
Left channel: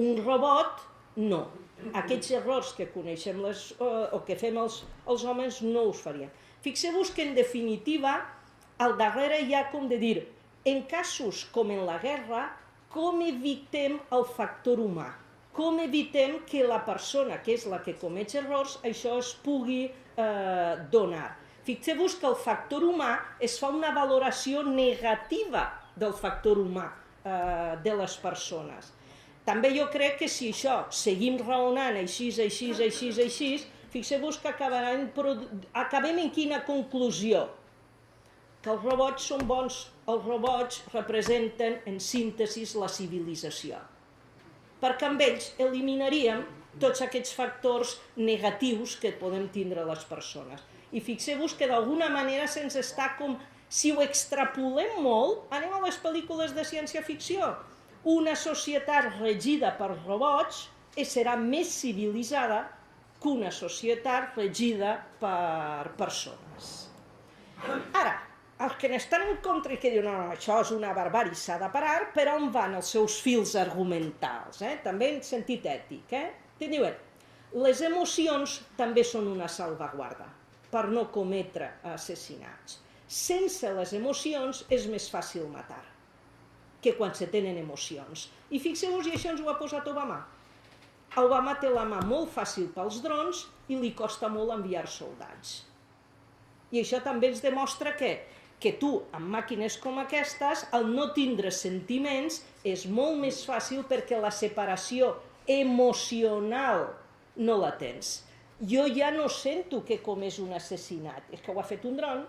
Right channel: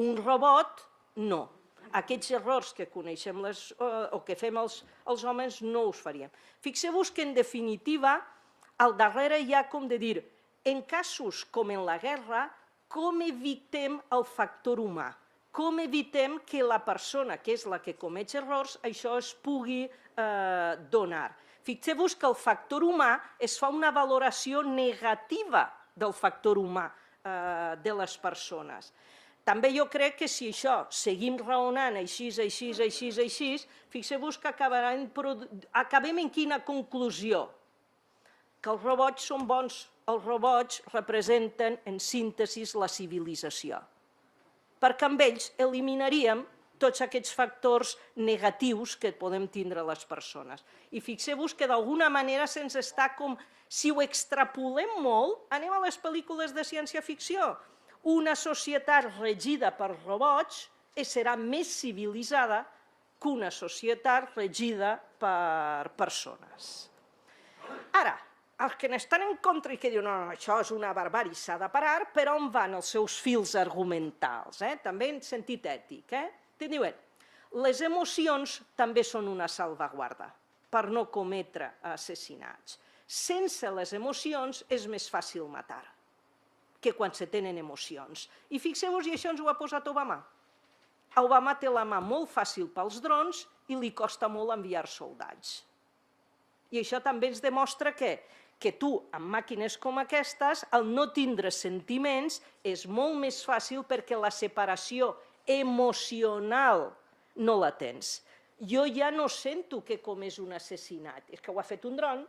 un robot no. Aquests errors que coneixem o que fem els homes no els farien. Fixeu-vos que en definitiva al darrere hi ha com de dir en casos com en la guerra com evitem el factor humà. Com evitem que la persona, que és la que comet errors, això es pugui donar. Fixeu-vos que el factor humà es fa una valoració negativa del factor humà de les persones. També jo crec que si això seguim raonant així, fixeu-vos que acabem en quina conclusió? Que els robots són bons, els robots representen en síntesi la civilització. Perquè amb ells eliminaríem tots aquests factors negatius que podem tindre les persones. I fixeu-vos que d'alguna manera se'ns està com, si ho extrapolem molt, anem a les pel·lícules de ciència-ficció. Una societat regida per robots serà més civilitzada que una societat regida per persones. Ara, els que n'estan en contra i que diuen no, això és una barbàrie, s'ha de parar, per on van els seus fils argumentals, també en sentit ètic. Te diuen, les emocions també són una salvaguarda. per no cometre assassinats. Sense les emocions és més fàcil matar que quan se tenen emocions. I fixeu-vos, i això ens ho ha posat Obama. Obama té la mà molt fàcil pels drons i li costa molt enviar soldats. I això també ens demostra que tu, amb màquines com aquestes, al no tindre sentiments, és molt més fàcil perquè la separació emocional no la tens. Jo ja no sento que com és un assassinat, és que ho ha fet un dron,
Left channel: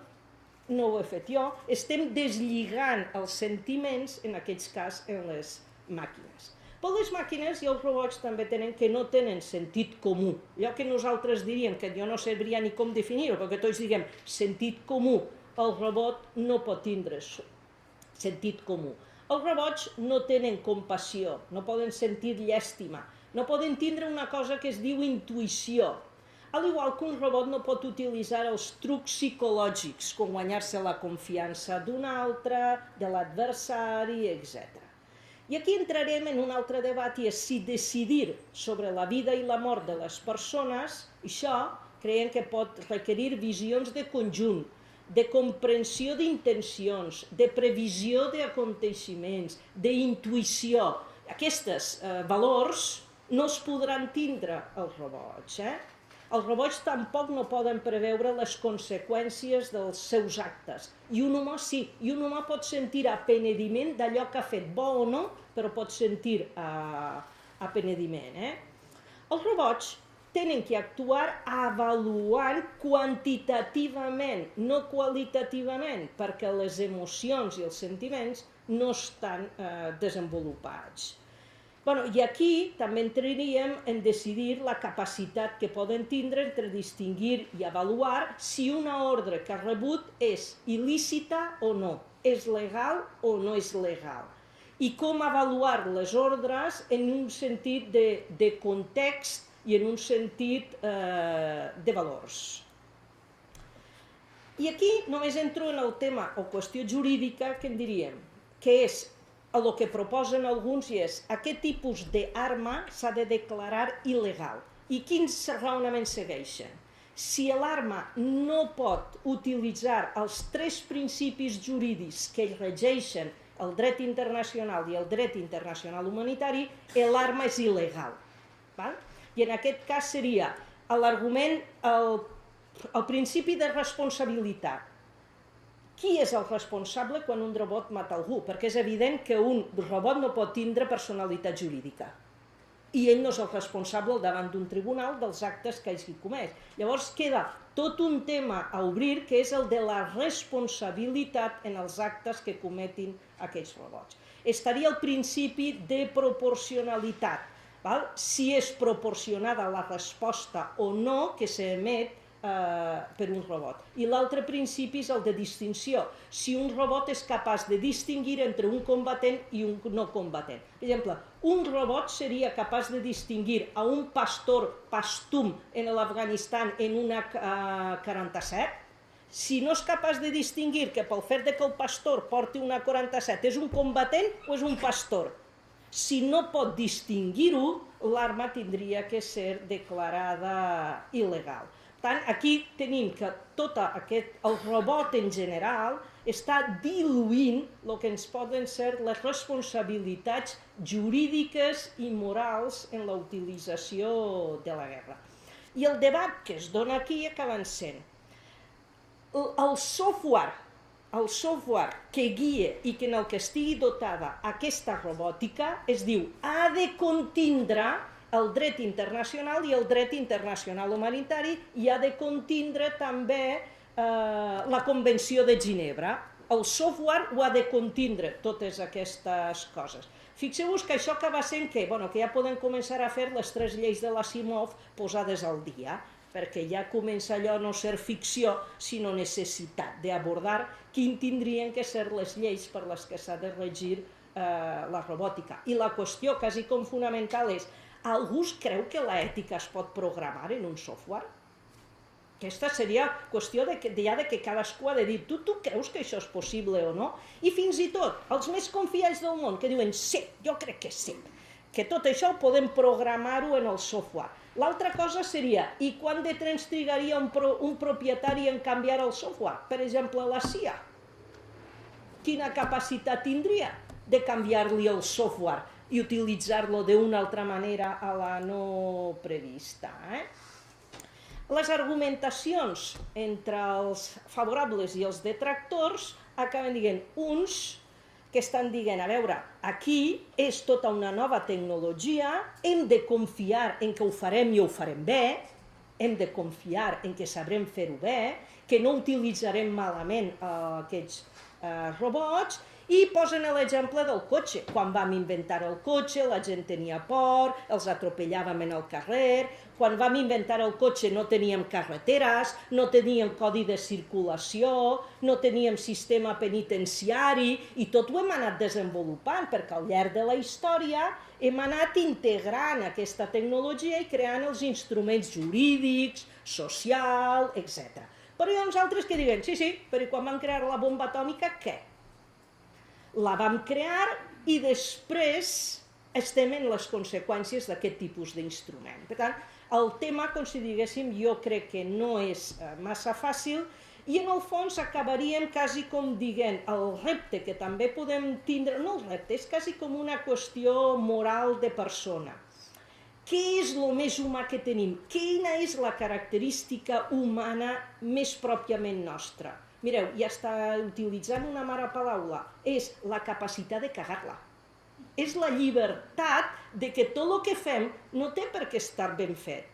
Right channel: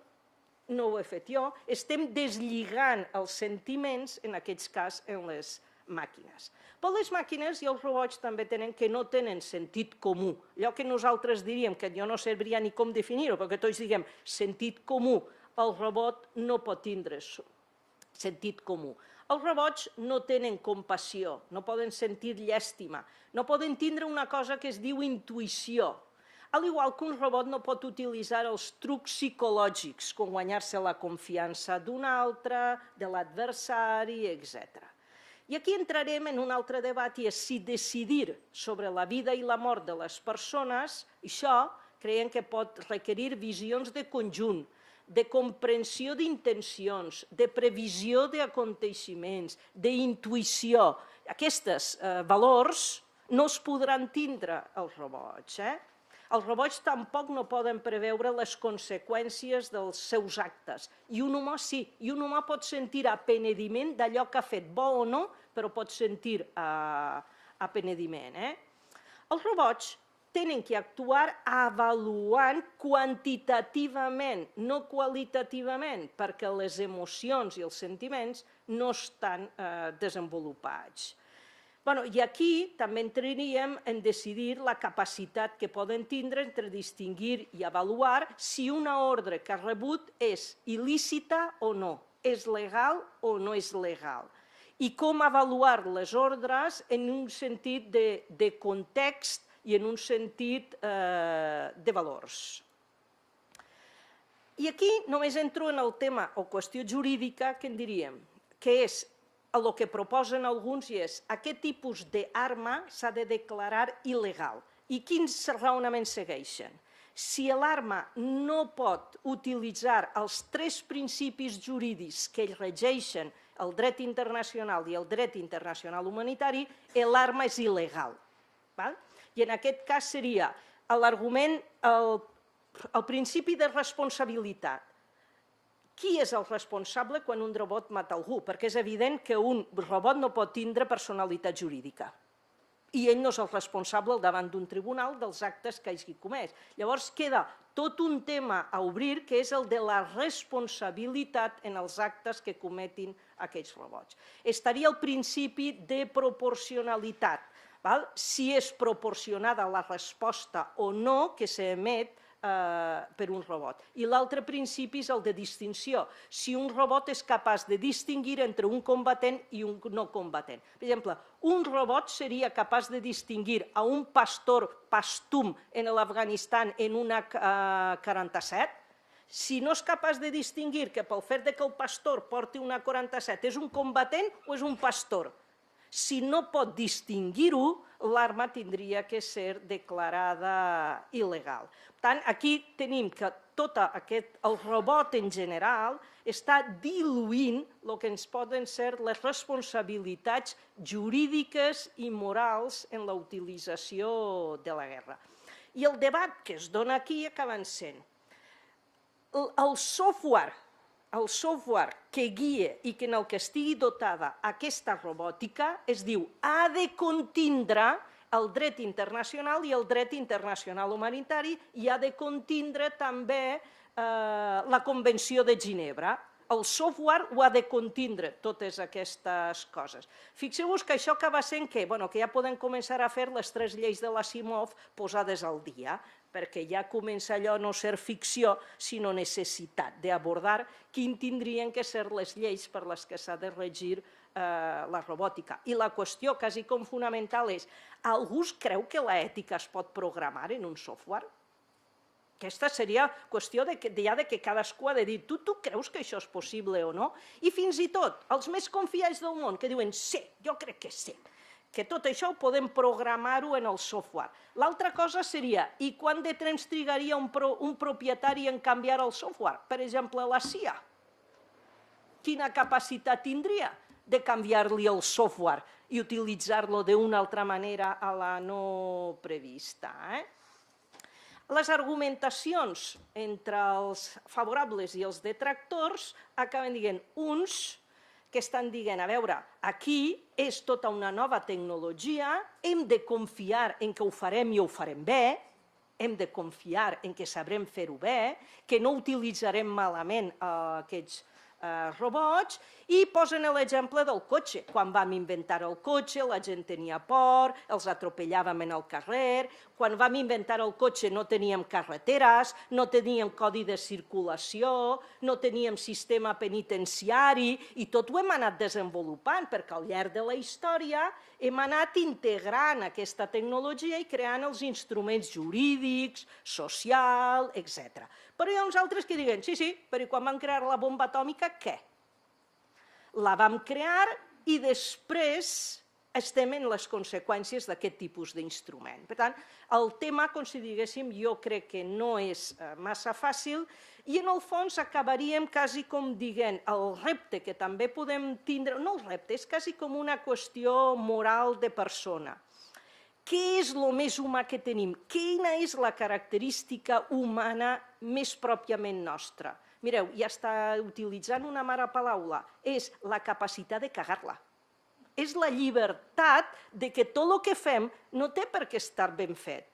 no ho he fet jo, estem deslligant els sentiments, en aquest cas, en les màquines. Però les màquines i els robots també tenen que no tenen sentit comú. Allò que nosaltres diríem, que jo no sabria ni com definir-ho, perquè tots diguem sentit comú, el robot no pot tindre sentit comú. Els robots no tenen compassió, no poden sentir llàstima, no poden tindre una cosa que es diu intuïció. Al igual que un robot no pot utilitzar els trucs psicològics, com guanyar-se la confiança d'un altre, de l'adversari, etc. I aquí entrarem en un altre debat, i és si decidir sobre la vida i la mort de les persones, això creiem que pot requerir visions de conjunt, de comprensió d'intencions, de previsió d'aconteixements, d'intuïció. Aquests valors no es podran tindre els robots. Els robots tampoc no poden preveure les conseqüències dels seus actes. I un humà sí, i un humà pot sentir apenediment d'allò que ha fet, bo o no, però pot sentir apenediment. Els robots tenen que actuar avaluant quantitativament, no qualitativament, perquè les emocions i els sentiments no estan desenvolupats. I aquí també entraríem en decidir la capacitat que poden tindre entre distingir i avaluar si una ordre que ha rebut és il·lícita o no, és legal o no és legal. I com avaluar les ordres en un sentit de context i en un sentit de valors. I aquí només entro en el tema o qüestió jurídica que en diríem, que és el que proposen alguns, i és aquest tipus d'arma s'ha de declarar il·legal. I quins raonaments segueixen? Si l'arma no pot utilitzar els tres principis jurídics que regeixen el dret internacional i el dret internacional humanitari, l'arma és il·legal. I en aquest cas seria l'argument, el principi de responsabilitat. Qui és el responsable quan un robot mata algú? Perquè és evident que un robot no pot tindre personalitat jurídica. I ell no és el responsable davant d'un tribunal dels actes que hagi comès. Llavors queda tot un tema a obrir, que és el de la responsabilitat en els actes que cometin aquests robots. Estaria el principi de proporcionalitat. Si és proporcionada la resposta o no que s'emet per un robot. I l'altre principi és el de distinció. Si un robot és capaç de distingir entre un combatent i un no combatent. Per exemple, un robot seria capaç de distingir a un pastor pastum en l'Afganistan en una AK-47. Si no és capaç de distingir que pel fet que el pastor porti una AK-47 és un combatent o és un pastor. Si no pot distingir-ho, l'arma tindria que ser declarada il·legal. Per tant, aquí tenim que el robot en general està diluint el que ens poden ser les responsabilitats jurídiques i morals en la utilització de la guerra. I el debat que es dona aquí acaba sent el software que guia i que en el que estigui dotada aquesta robòtica es diu ha de contindre el dret internacional i el dret internacional humanitari i ha de contindre també la Convenció de Ginebra. El software ho ha de contindre, totes aquestes coses. Fixeu-vos que això acaba sent que ja poden començar a fer les 3 lleis de l'Asimov posades al dia, perquè ja comença allò a no ser ficció, sinó necessitat d'abordar quin tindrien que ser les lleis per les que s'ha de regir la robòtica. I la qüestió quasi com fonamental és algú creu que l'ètica es pot programar en un software? Aquesta seria qüestió ja que cadascú ha de dir tu creus que això és possible o no? I fins i tot els més confiats del món que diuen sí, jo crec que sí, que tot això ho podem programar-ho en el software. L'altra cosa seria, i quant de temps trigaria un propietari en canviar el software? Per exemple, la CIA. Quina capacitat tindria de canviar-li el software i utilitzar-lo d'una altra manera a la no prevista? Les argumentacions entre els favorables i els detractors acaben dient uns que estan dient, a veure, aquí és tota una nova tecnologia, hem de confiar en que ho farem i ho farem bé, hem de confiar en que sabrem fer-ho bé, que no utilitzarem malament aquests robots, i posen l'exemple del cotxe. Quan vam inventar el cotxe, la gent tenia por, els atropellàvem en el carrer. Quan vam inventar el cotxe no teníem carreteres, no teníem codi de circulació, no teníem sistema penitenciari, i tot ho hem anat desenvolupant, perquè al llarg de la història hem anat integrant aquesta tecnologia i creant els instruments jurídics, social, etc. Però hi ha uns altres que diuen, sí, però quan van crear la bomba atòmica, què? La vam crear i després estem en les conseqüències d'aquest tipus d'instrument. Per tant, el tema, com si diguéssim, jo crec que no és massa fàcil i en el fons acabaríem quasi com dient el repte que també podem tindre, no el repte, és quasi com una qüestió moral de persona. Què és el més humà que tenim? Quina és la característica humana més pròpiament nostra? Mireu, ja està utilitzant una mala paraula, és la capacitat de cagar-la. És la llibertat de que tot el que fem no té per què estar ben fet.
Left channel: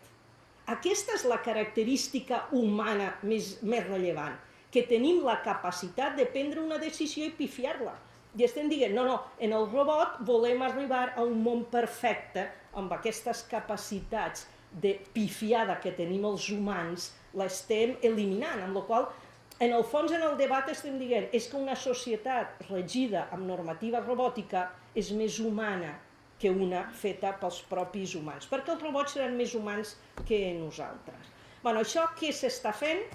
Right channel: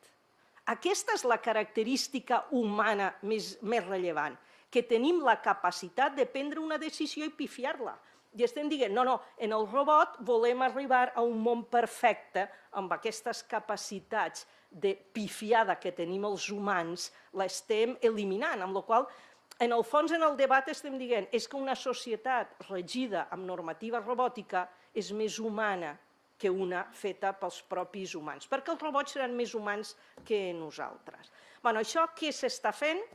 Aquesta és la característica humana més rellevant, que tenim la capacitat de prendre una decisió i pifiar-la. I estem dient, no, en el robot volem arribar a un món perfecte amb aquestes capacitats de pifiada que tenim els humans, l'estem eliminant, amb la qual cosa, en el fons, en el debat estem dient és que una societat regida amb normativa robòtica és més humana que una feta pels propis humans, perquè els robots seran més humans que nosaltres. Això què s'està fent?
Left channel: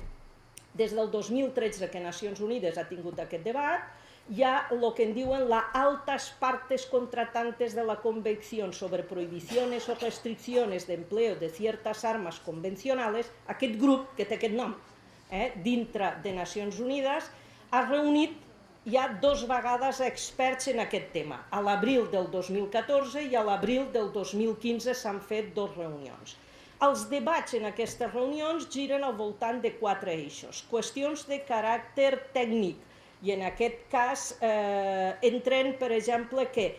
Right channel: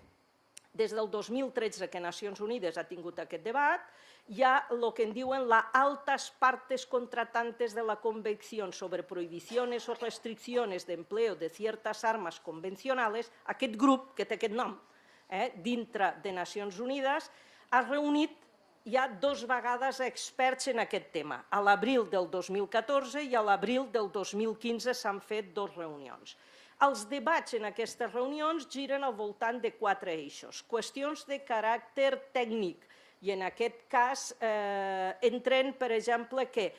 Des del 2013 que Nacions Unides ha tingut aquest debat, hi ha el que en diuen las altas partes contratantes de la Convención sobre prohibiciones o restricciones de empleo de ciertas armas convencionales, aquest grup, que té aquest nom, dintre de Nacions Unides, ha reunit ja 2 vegades experts en aquest tema. A l'abril del 2014 i a l'abril del 2015 s'han fet 2 reunions. Els debats en aquestes reunions giren al voltant de 4 eixos. Qüestions de caràcter tècnic, i en aquest cas entren, per exemple, que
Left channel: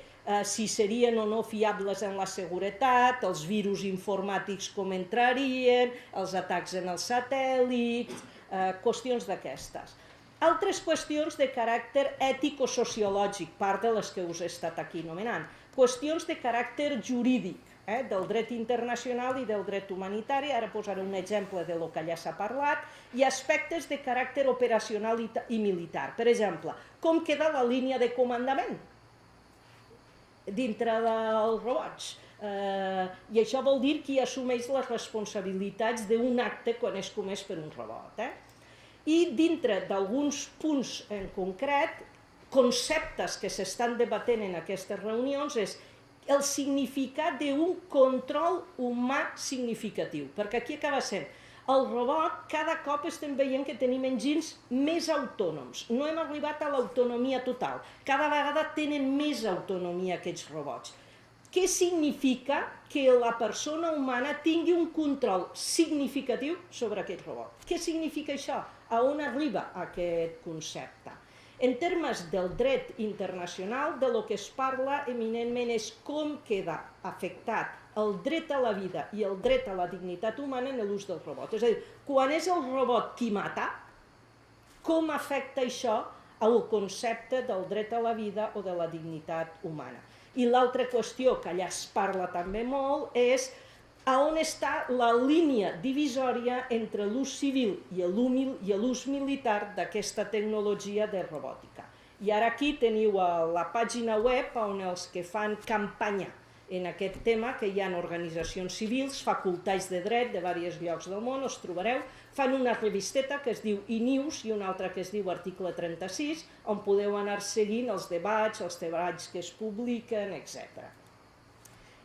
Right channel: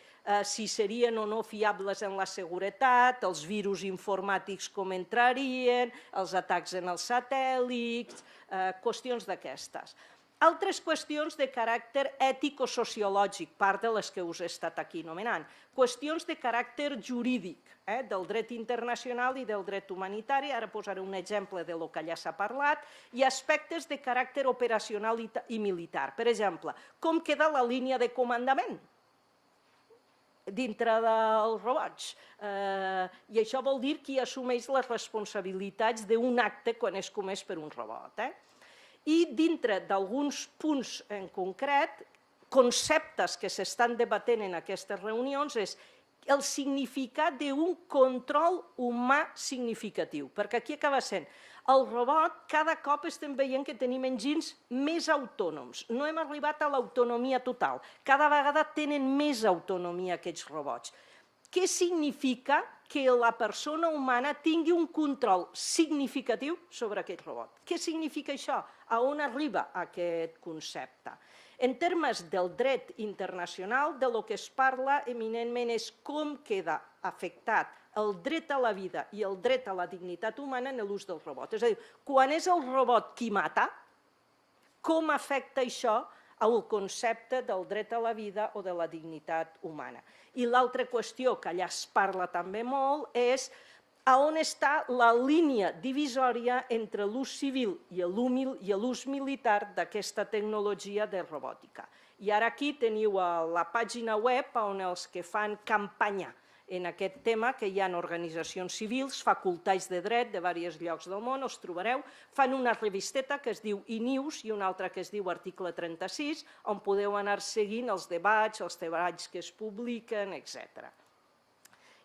si serien o no fiables en la seguretat, els virus informàtics com entrarien, els atacs en els satèl·lits, qüestions d'aquestes. Altres qüestions de caràcter ètico-sociològic, part de les que us he estat aquí anomenant. Qüestions de caràcter jurídic, del dret internacional i del dret humanitari, ara posaré un exemple del que ja s'ha parlat, i aspectes de caràcter operacional i militar. Per exemple, com queda la línia de comandament dintre dels robots? I això vol dir qui assumeix les responsabilitats d'un acte quan és comès per un robot. I dintre d'alguns punts en concret, conceptes que s'estan debatent en aquestes reunions és el significat d'un control humà significatiu, perquè aquí acaba sent el robot, cada cop estem veient que tenim enginys més autònoms. No hem arribat a l'autonomia total. Cada vegada tenen més autonomia aquests robots. Què significa que la persona humana tingui un control significatiu sobre aquest robot? Què significa això? A on arriba aquest concepte? En termes del dret internacional, de lo que es parla eminentment és com queda afectat el dret a la vida i el dret a la dignitat humana en l'ús del robot. És a dir, quan és el robot qui mata, com afecta això al concepte del dret a la vida o de la dignitat humana. I l'altra qüestió que allà es parla també molt és a on està la línia divisòria entre l'ús civil i l'ús militar d'aquesta tecnologia de robòtica. I ara aquí teniu la pàgina web on els que fan campanya en aquest tema, que hi ha organitzacions civils, facultats de dret de diversos llocs del món, us trobareu, fan una revisteta que es diu eNews i una altra que es diu Article 36, on podeu anar seguint els debats que es publiquen, etc.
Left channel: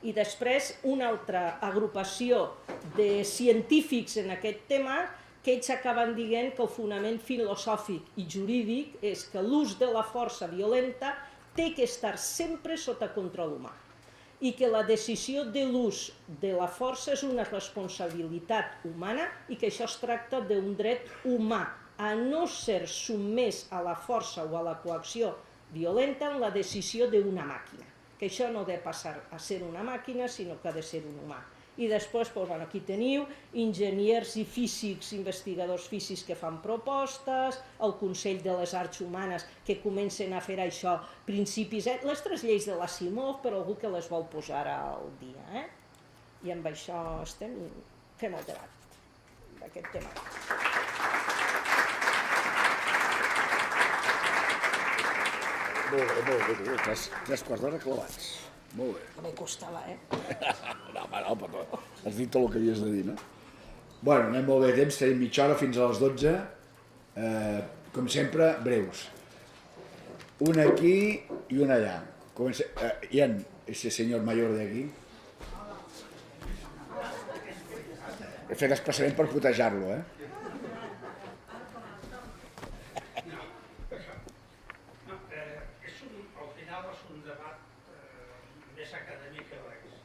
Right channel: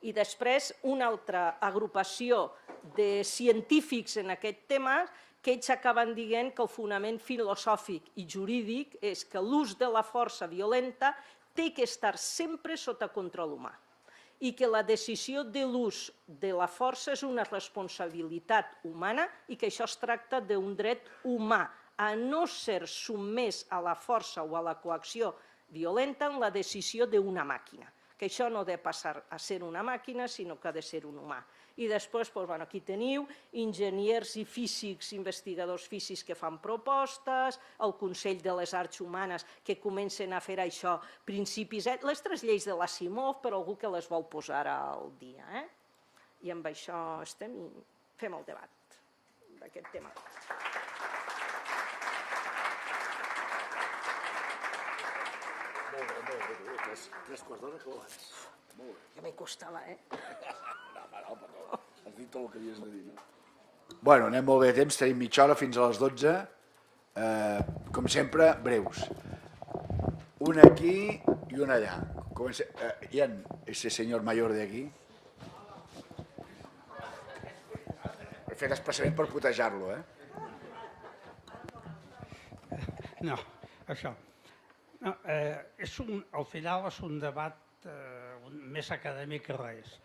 I després una altra agrupació de científics en aquest tema que ells acaben dient que el fonament filosòfic i jurídic és que l'ús de la força violenta té que estar sempre sota control humà i que la decisió de l'ús de la força és una responsabilitat humana i que això es tracta d'un dret humà a no ser sotmès a la força o a la coacció violenta en la decisió d'una màquina, que això no ha de passar a ser una màquina, sinó que ha de ser un humà. I després, aquí teniu enginyers i físics, investigadors físics que fan propostes, el Consell de les Arts Humanes que comencen a fer això, principis, les 3 lleis de l'Asimov per algú que les vol posar al dia. I amb això estem i fem el debat, aquest tema. Molt bé, 3 quarts d'hora clavats. Molt bé. Me costava, No, però has dit tot el que havies de dir, no? Bueno, anem molt bé de temps, tenim mitja hora fins a les 12. Com sempre, breus. Un aquí i un allà. Ian, ese señor mayor de aquí. He fet expressament per putejar-lo, No, això. No, al final és un debat més acadèmic que res.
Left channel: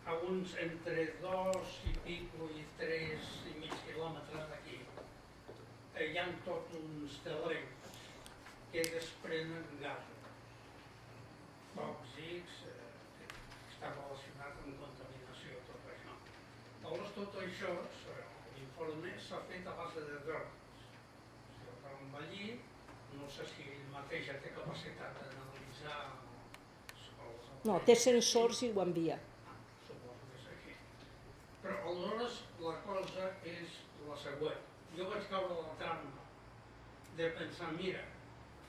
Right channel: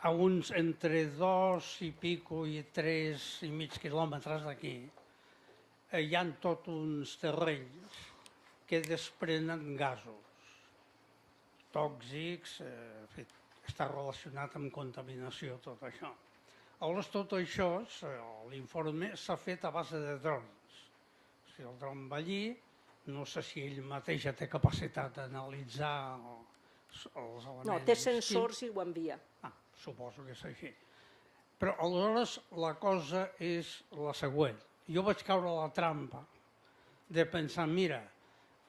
A uns entre 2 i pico i 3 i mig quilòmetres d'aquí hi ha tots uns terrenys que desprenen gasos tòxics, que està relacionat amb contaminació, tot això. Aleshores, tot això, l'informe s'ha fet a base de drons. Si el dron va allí, no sé si ell mateix ja té capacitat d'analitzar els elements. No, té sensors i ho envia. Suposo que és així. Però aleshores la cosa és la següent. Jo vaig caure a la trampa de pensar, mira,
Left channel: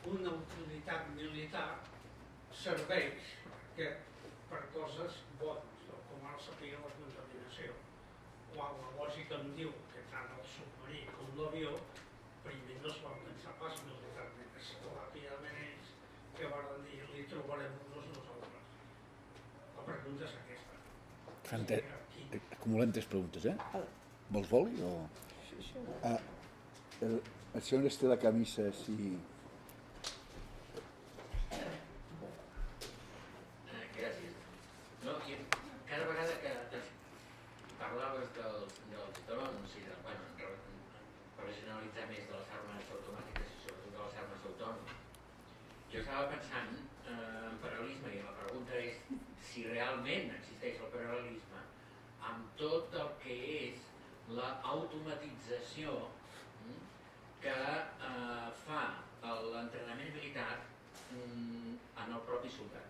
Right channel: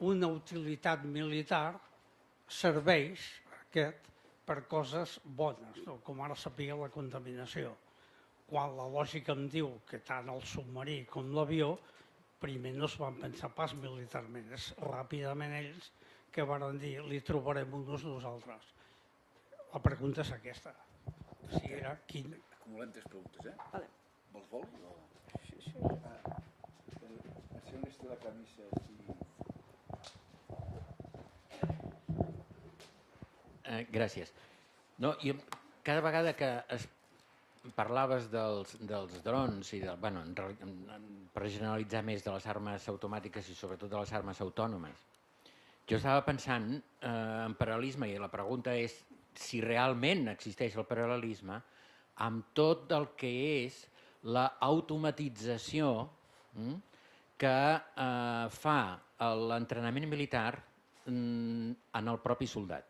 una utilitat militar serveix per coses bones, com ara sapia la contaminació. Quan la lògica em diu que tant el submarí com l'avió primer no es van pensar pas militarment, és ràpidament ells que van dir li trobarem un ús nosaltres. La pregunta és aquesta. Acumulem 3 preguntes, Vale. Vols boli o...? Sí. El senyor té la camisa així... Gràcies. No, jo, cada vegada que parlaves dels drons i per generalitzar més de les armes automàtiques i sobretot de les armes autònomes, jo estava pensant en paral·lelisme i la pregunta és si realment existeix el paral·lelisme amb tot el que és l'automatització que fa l'entrenament militar en el propi soldat.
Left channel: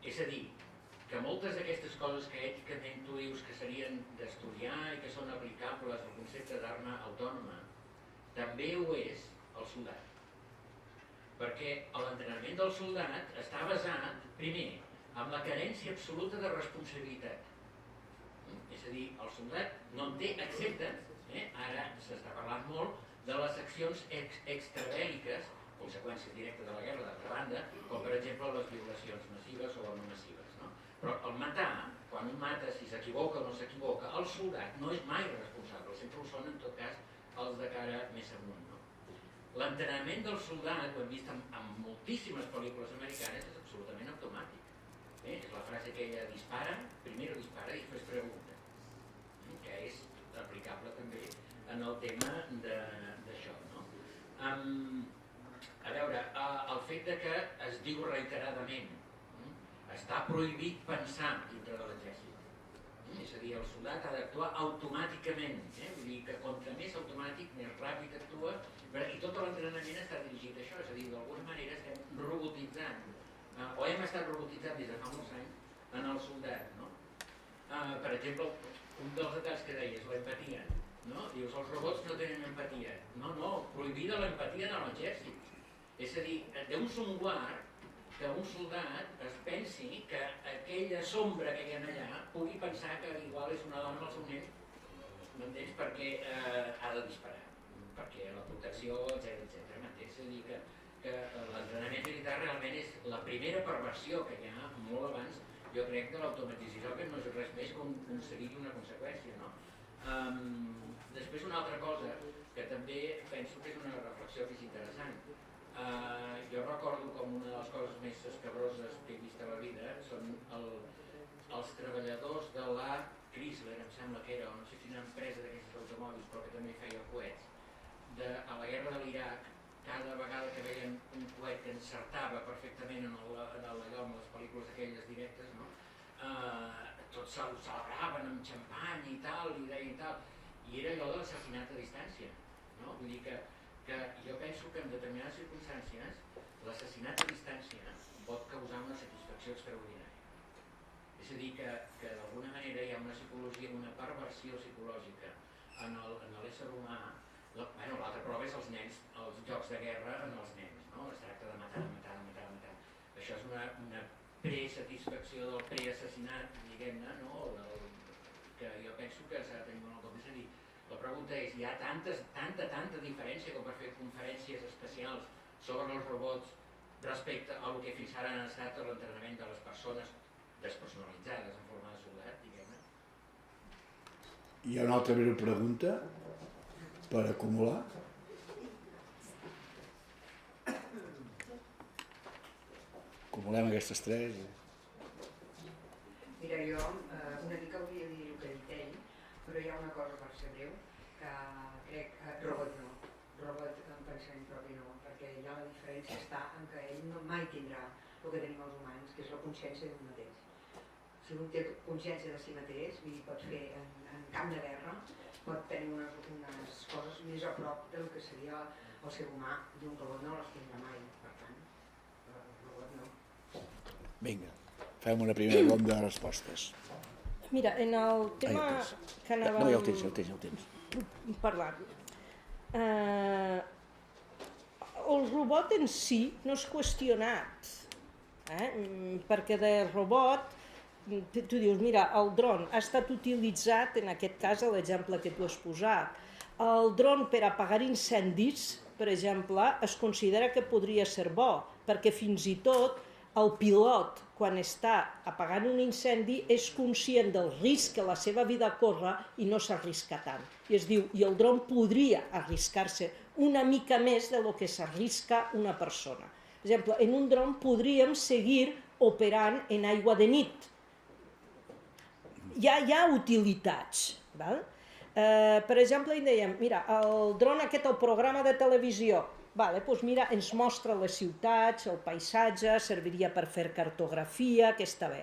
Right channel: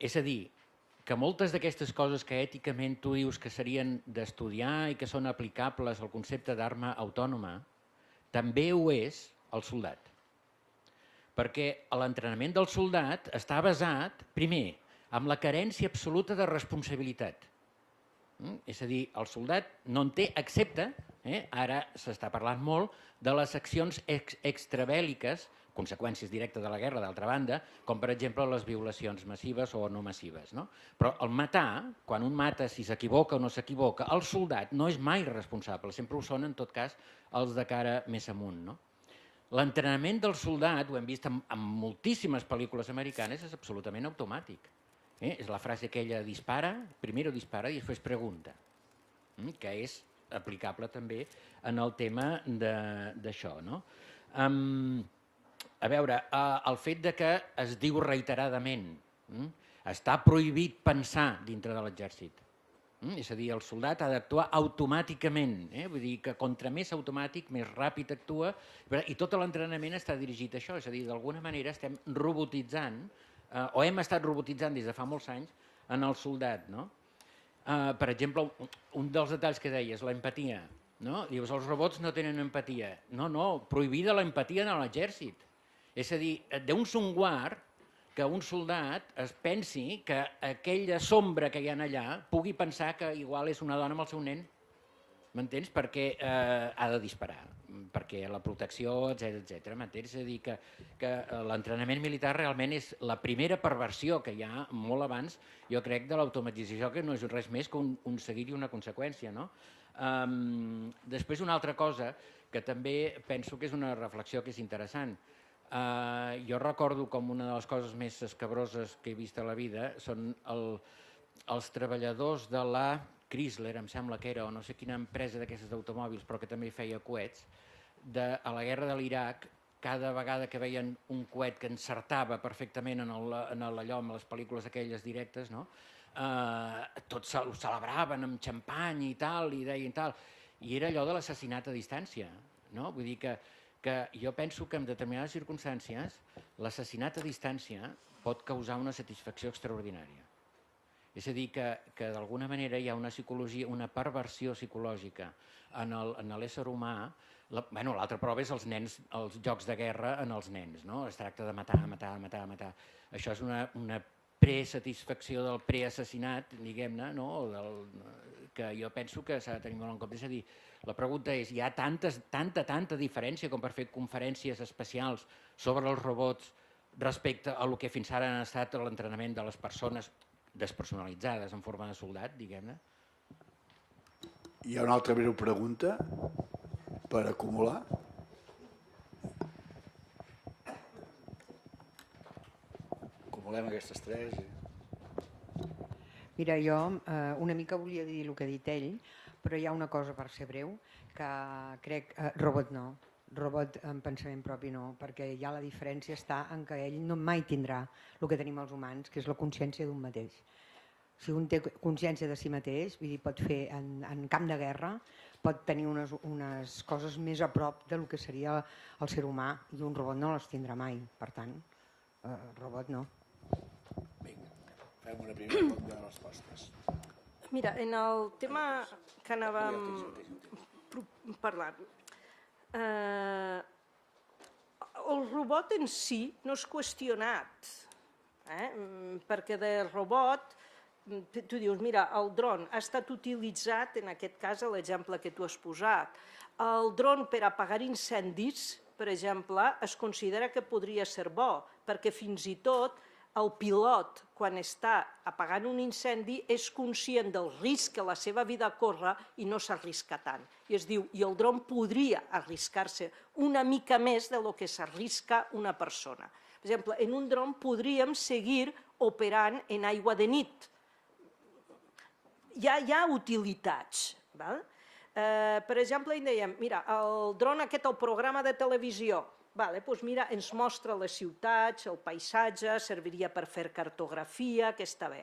És a dir, que moltes d'aquestes coses que èticament tu dius que serien d'estudiar i que són aplicables al concepte d'arma autònoma, també ho és el soldat. Perquè l'entrenament del soldat està basat, primer, en la carència absoluta de responsabilitat. És a dir, el soldat no en té, excepte, ara s'està parlant molt, de les accions extrabèl·liques, conseqüències directes de la guerra, d'altra banda, com per exemple les violacions massives o no massives. Però el matar, quan un mata, si s'equivoca o no s'equivoca, el soldat no és mai responsable, sempre ho són en tot cas els de cara més amunt. L'entrenament del soldat, ho hem vist en moltíssimes pel·lícules americanes, és absolutament automàtic. És la frase aquella, dispara, primero dispara i després pregunta, que és aplicable també en el tema d'això. A veure, el fet de que es diu reiteradament, està prohibit pensar dintre de l'exèrcit. És a dir, el soldat ha d'actuar automàticament, vull dir que contra més automàtic, més ràpid actua, i tot l'entrenament està dirigit a això, és a dir, d'alguna manera estem robotitzant, o hem estat robotitzant des de fa molts anys, en el soldat. Per exemple, un dels detalls que deies, l'empatia. Dius, els robots no tenen empatia. No, prohibida l'empatia en l'exèrcit. És a dir, d'un songuar que un soldat es pensi que aquella sombra que hi ha allà pugui pensar que igual és una dona amb el seu nen, m'entens? Perquè ha de disparar, perquè la protecció, etc. M'entens? És a dir, que l'entrenament militar realment és la primera perversió que hi ha molt abans jo crec, de l'automatització, que no és res més que un seguit i una conseqüència, no? Després una altra cosa que també penso que és una reflexió que és interessant. Jo recordo com una de les coses més escabroses que he vist a la vida són els treballadors de la Chrysler, em sembla que era, o no sé quina empresa d'aquestes d'automòbils, però que també feia coets, a la guerra de l'Iraq, cada vegada que veien un coet que encertava perfectament en allò, en les pel·lícules aquelles directes, no? Tots ho celebraven amb xampany i tal, i deien tal, i era allò de l'assassinat a distància, no? Vull dir que jo penso que en determinades circumstàncies l'assassinat a distància pot causar una satisfacció extraordinària. És a dir, que d'alguna manera hi ha una psicologia, una perversió psicològica en l'ésser humà. L'altra prova és els jocs de guerra en els nens, no? Es tracta de matar. Això és una presatisfacció del preassassinat, diguem-ne, no? Que jo penso que s'ha de tenir molt en compte. És a dir, la pregunta és, hi ha tanta diferència com per fer conferències especials sobre els robots respecte a el que fins ara han estat l'entrenament de les persones despersonalitzades en forma de soldat, diguem-ne? Hi ha una altra breu pregunta per acumular. Acumulem aquestes tres. Mira, jo una mica volia dir el que ha dit ell, però hi ha una cosa, per ser breu, que crec... Robot no, robot en pensament propi no, perquè ja la diferència està en que ell no mai tindrà el que tenim els humans, que és la consciència d'un mateix. Si un té consciència de si mateix, vull dir, pot fer en camp de guerra, pot tenir unes coses més a prop del que seria el ser humà, i un robot no les tindrà mai, per tant, robot no. Vinga, fem una primera ronda de respostes. Mira, en el tema que anàvem... No, ja ho tens. Parlar. El robot en si no és qüestionat, perquè de robot, tu dius, mira, el dron ha estat utilitzat, en aquest cas, l'exemple que tu has posat. El dron per apagar incendis, per exemple, es considera que podria ser bo, perquè fins i tot el pilot, quan està apagant un incendi, és conscient del risc que la seva vida corre i no s'arrisca tant. I es diu, i el dron podria arriscar-se una mica més de lo que s'arrisca una persona. Per exemple, en un dron podríem seguir operant en aigua de nit. Ja hi ha utilitats. Val? Per exemple, dèiem, mira, el dron aquest, el programa de televisió, doncs mira, ens mostra les ciutats, el paisatge, serviria per fer cartografia, que està bé.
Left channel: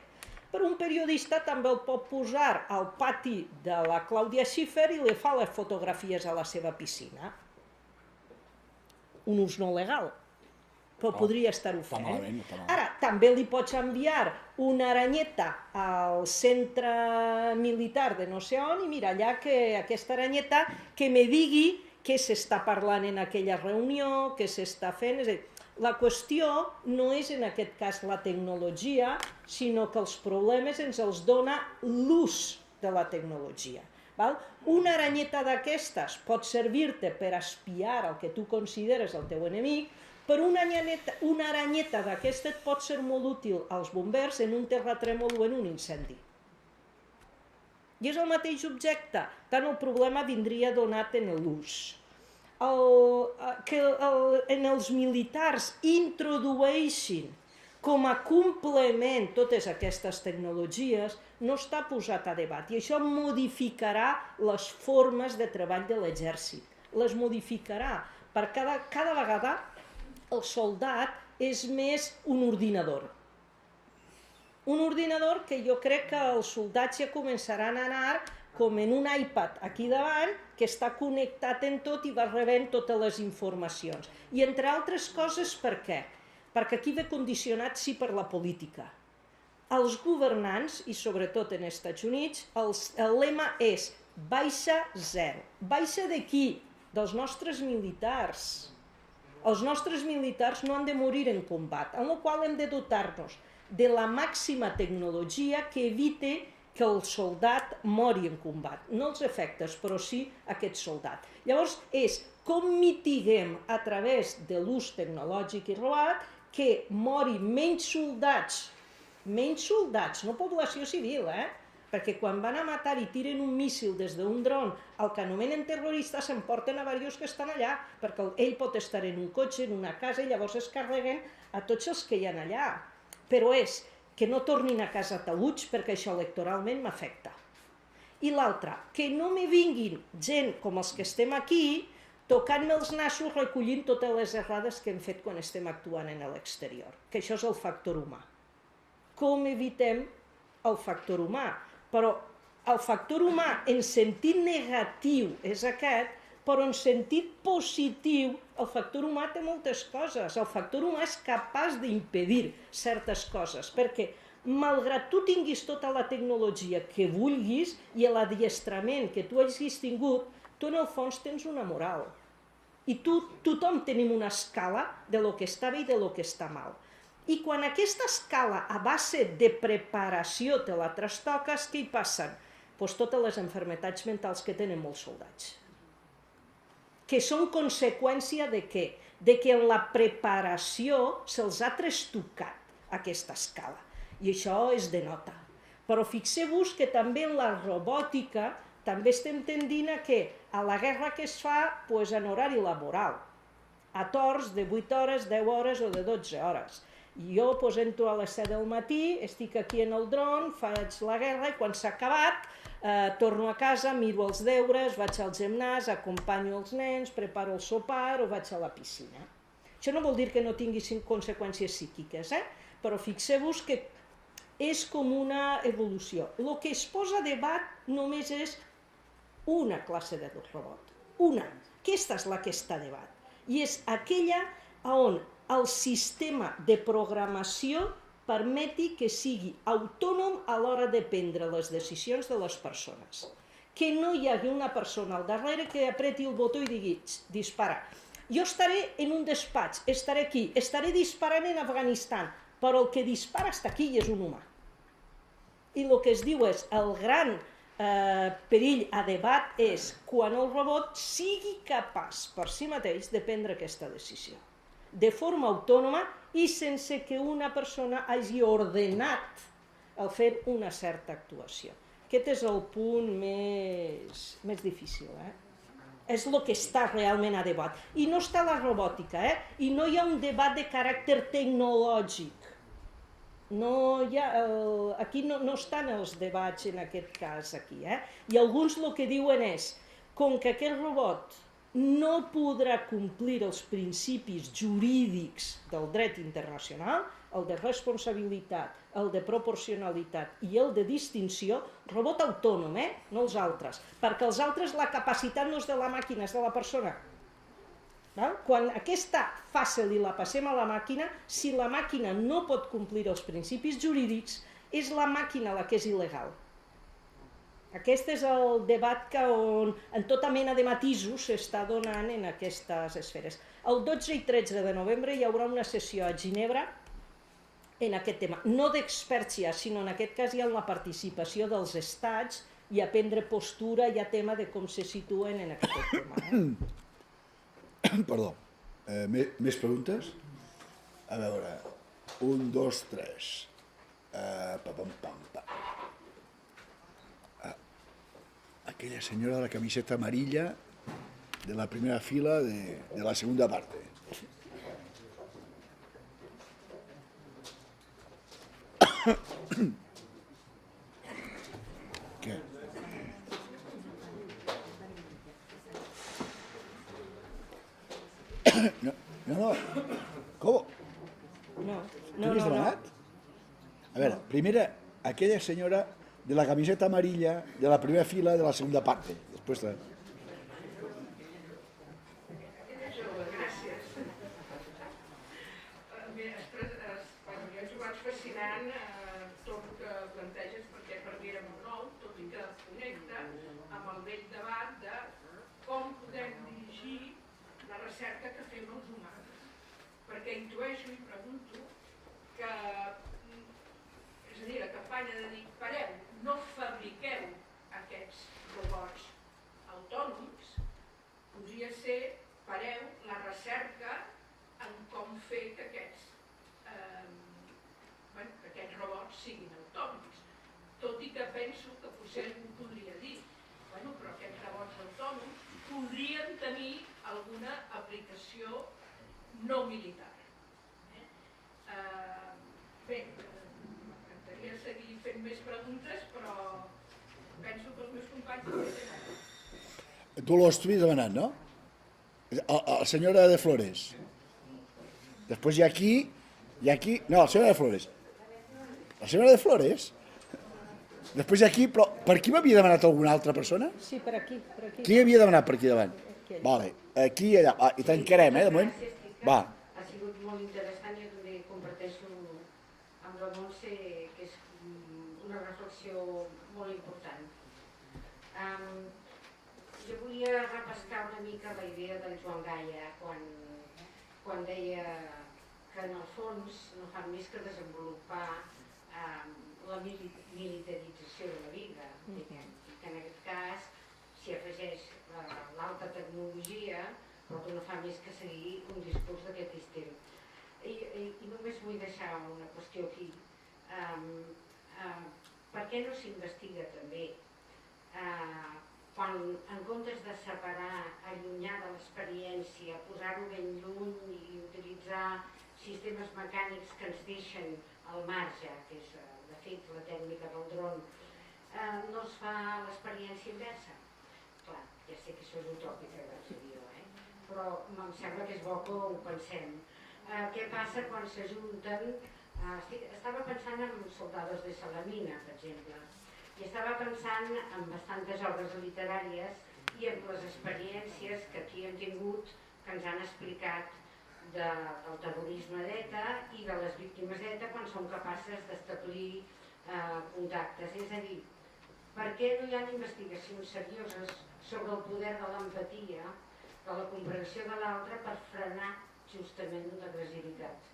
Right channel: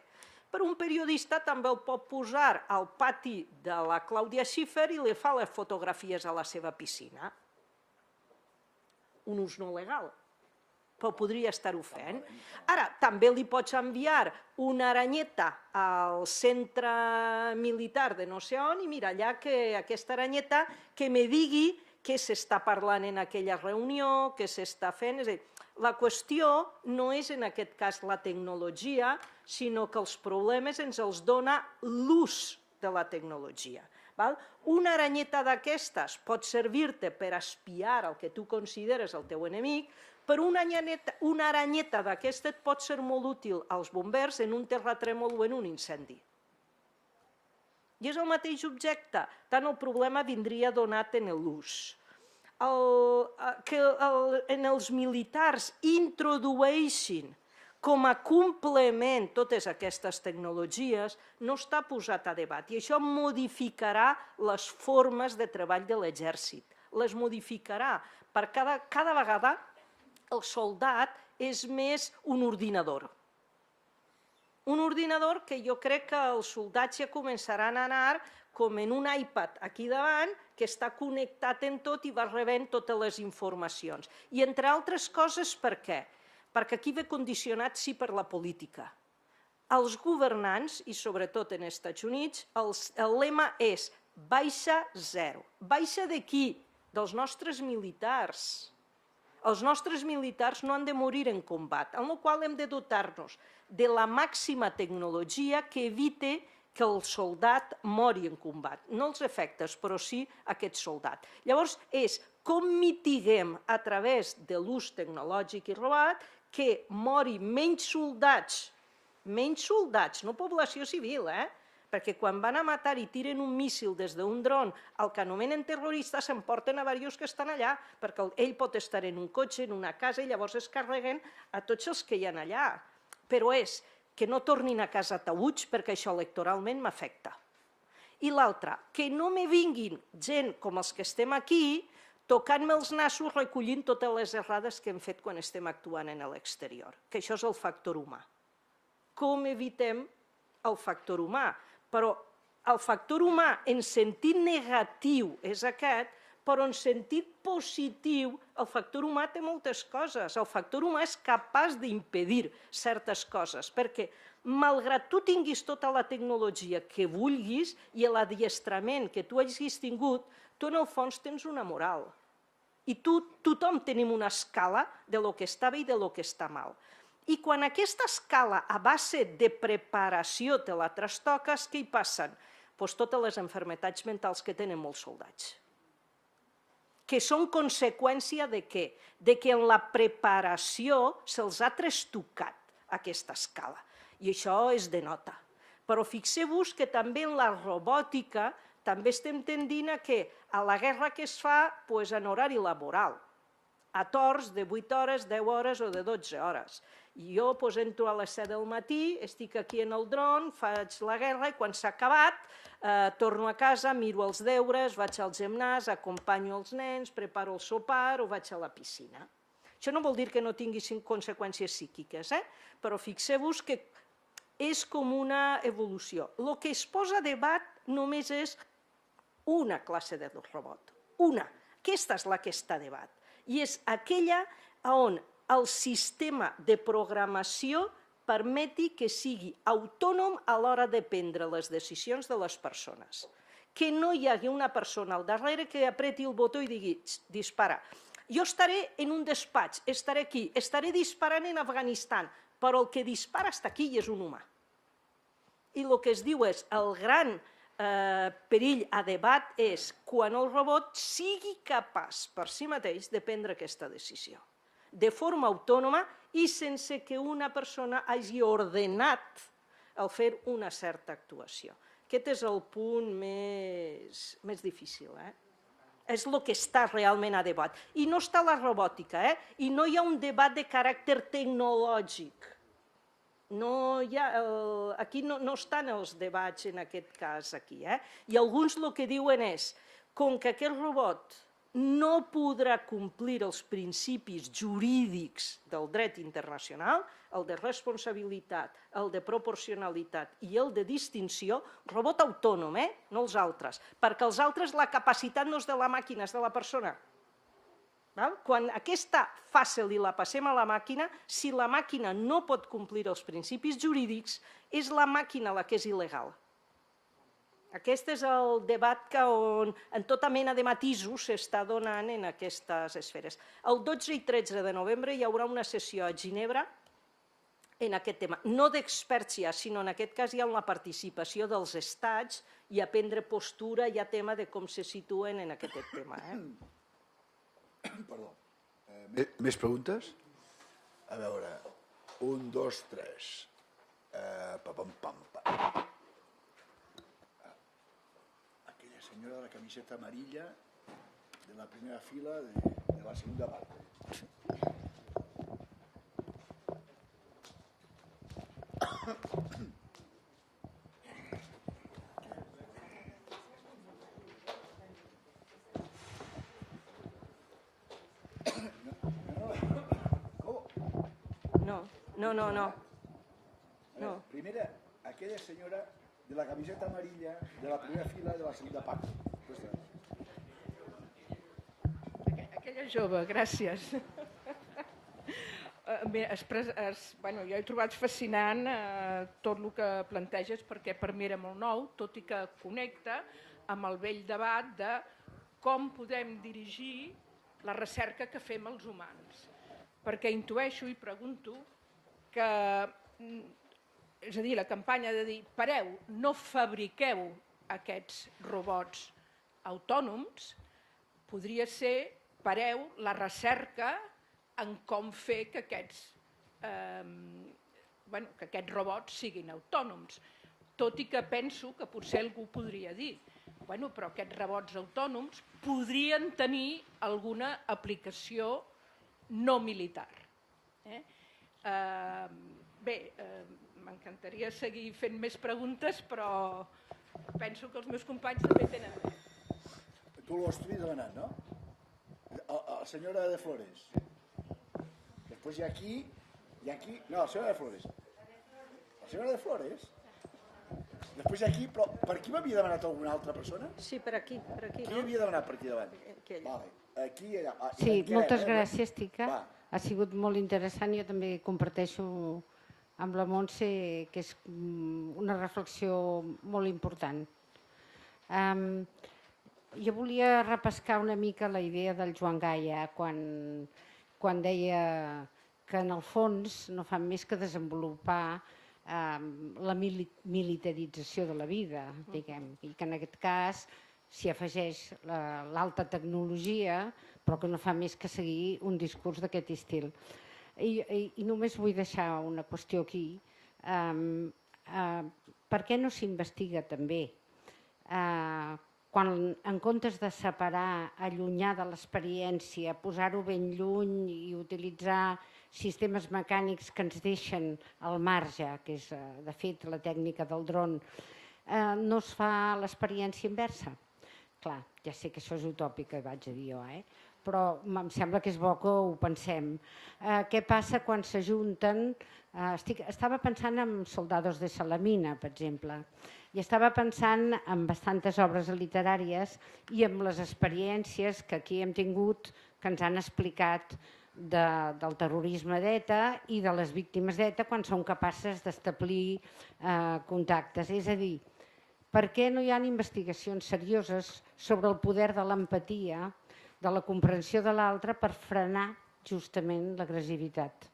Però un periodista també el pot posar al pati de la Clàudia Schiffer i li fa les fotografies a la seva piscina. Un ús no legal, però podria estar-ho fent. Ara, també li pots enviar una aranyeta al centre militar de no sé on i mira, allà que aquesta aranyeta que me digui què s'està parlant en aquella reunió, què s'està fent. És a dir, la qüestió no és en aquest cas la tecnologia, sinó que els problemes ens els dona l'ús de la tecnologia. Una aranyeta d'aquestes pot servir-te per espiar el que tu consideres el teu enemic, però una aranyeta d'aquesta et pot ser molt útil als bombers en un terratrèmol o en un incendi. I és el mateix objecte, tant el problema vindria donat en l'ús. Que en els militars introdueixin com a complement totes aquestes tecnologies no està posat a debat i això modificarà les formes de treball de l'exèrcit. Les modificarà, perquè cada vegada el soldat és més un ordinador. Un ordinador que jo crec que els soldats ja començaran a anar com en un iPad aquí davant, que està connectat en tot i va rebent totes les informacions. I entre altres coses, per què? Perquè aquí ve condicionat sí per la política. Els governants, i sobretot en els Estats Units, el lema és baixa zero. Baixa de qui? Dels nostres militars. Els nostres militars no han de morir en combat, amb la qual hem de dotar-nos de la màxima tecnologia que evite que el soldat mori en combat. No els efectes, però sí aquest soldat. Llavors és com mitiguem a través de l'ús tecnològic i robot que mori menys soldats menys soldats, no població civil, perquè quan van a matar i tiren un míssil des d'un dron al que anomenen terrorista s'emporten a diversos que estan allà, perquè ell pot estar en un cotxe, en una casa, i llavors es carreguen a tots els que hi ha allà. Però és que no tornin a casa taüts perquè això electoralment m'afecta. I l'altra, que no me vinguin gent com els que estem aquí tocant-me els nassos recollint totes les errades que hem fet quan estem actuant en l'exterior, que això és el factor humà. Com evitem el factor humà? Però el factor humà en sentit negatiu és aquest, però en sentit positiu el factor humà té moltes coses. El factor humà és capaç d'impedir certes coses, perquè malgrat tu tinguis tota la tecnologia que vulguis i l'adiestrament que tu hagis tingut, tu en el fons tens una moral. I tothom tenim una escala de lo que està bé i de lo que està mal. I quan aquesta escala a base de preparació te la trastoques, què hi passen? Doncs totes les malalties mentals que tenen molts soldats. Que són conseqüència de què? De que en la preparació se'ls ha trastocat aquesta escala. I això es denota. Però fixeu-vos que també en la robòtica també estem tendint a que a la guerra que es fa en horari laboral, a torns de 8 hores, 10 hores o de 12 hores. I jo entro a les 7 del matí, estic aquí en el dron, faig la guerra i quan s'ha acabat torno a casa, miro els deures, vaig al gimnàs, acompanyo els nens, preparo el sopar o vaig a la piscina. Això no vol dir que no tingui conseqüències psíquiques, però fixeu-vos que és com una evolució. El que es posa a debat només és una classe de robot, una. Aquesta és la que està a debat. I és aquella on el sistema de programació permeti que sigui autònom a l'hora de prendre les decisions de les persones. Que no hi hagi una persona al darrere que apreti el botó i digui dispara. Jo estaré en un despatx, estaré aquí, estaré disparant en Afganistan, però el que dispara està aquí i és un humà. I el que es diu és el gran perill a debat és quan el robot sigui capaç per si mateix de prendre aquesta decisió de forma autònoma i sense que una persona hagi ordenat el fer una certa actuació. Aquest és el punt més difícil. És el que està realment a debat. I no està la robòtica, i no hi ha un debat de caràcter tecnològic. Aquí no estan els debats en aquest cas. I alguns el que diuen és, com que aquest robot no podrà complir els principis jurídics del dret internacional, el de responsabilitat, el de proporcionalitat i el de distinció, robot autònom, no els altres, perquè els altres la capacitat no és de la màquina, és de la persona. Quan aquesta fàcil i la passem a la màquina, si la màquina no pot complir els principis jurídics, és la màquina la que és il·legal. Aquest és el debat que en tota mena de matisos s'està donant en aquestes esferes. El 12 i 13 de novembre hi haurà una sessió a Ginebra en aquest tema. No d'experts ja, sinó en aquest cas hi ha una participació dels estats i a prendre postura i a tema de com se situen en aquest tema. Perdó. Més preguntes? A veure, 1, 2, 3. Aquella señora de la camiseta amarilla de la primera fila de la segunda parte. ¿Qué? No. ¿Cómo? No. A ver, primera, aquella señora de la camiseta amarilla de la primera fila de la segunda parte. Después está. Aquella jove, gràcies. Jo he trobat fascinant tot el que planteges perquè per mi era molt nou, tot i que connecta amb el vell debat de com podem dirigir la recerca que fem els humans. Perquè intueixo i pregunto que és a dir, la campanya de dir pareu, no fabriqueu aquests robots autònoms, podria ser pareu la recerca en com fer que aquests que aquests robots siguin autònoms. Tot i que penso que potser algú podria dir però aquests robots autònoms podrien tenir alguna aplicació no militar. Bé, m'encantaria seguir fent més preguntes, però penso que els meus companys també tenen. Tu lo estuviste demanant, no? La senyora de Flores. Després hi ha aquí... No, la senyora de Flores. La senyora de Flores... Després hi ha aquí, però per qui m'havia demanat alguna altra persona? Sí, per aquí. Qui havia demanat per aquí davant? Vale, aquí i allà. I tancarem, moltes gràcies, Tica. Va. Ha sigut molt interessant. Jo també comparteixo amb la Montse que és una reflexió molt important. Jo volia repescar una mica la idea del Joan Gaia quan deia que en el fons no fan més que desenvolupar la militarització de la vida, diguem, i que en aquest cas s'hi afegeix l'alta tecnologia, però que no fa més que seguir un discurs d'aquest estil. I només vull deixar una qüestió aquí. Per què no s'investiga també? Quan en comptes de separar, allunyar de l'experiència, posar-ho ben lluny i utilitzar sistemes mecànics que ens deixen al marge, que és de fet la tècnica del dron, no es fa l'experiència inversa. Clar, ja sé que això és utòpic, que vaig a dir jo, però em sembla que és bo que ho pensem. Què passa quan s'ajunten? Estava pensant en Soldados de Salamina, per exemple, i estava pensant en bastantes obres literàries i en les experiències que aquí hem tingut, que ens han explicat del terrorisme d'ETA i de les víctimes d'ETA quan són capaces d'establir contactes. És a dir, per què no hi ha investigacions serioses sobre el poder de l'empatia, de la comprensió de l'altre per frenar justament l'agressivitat?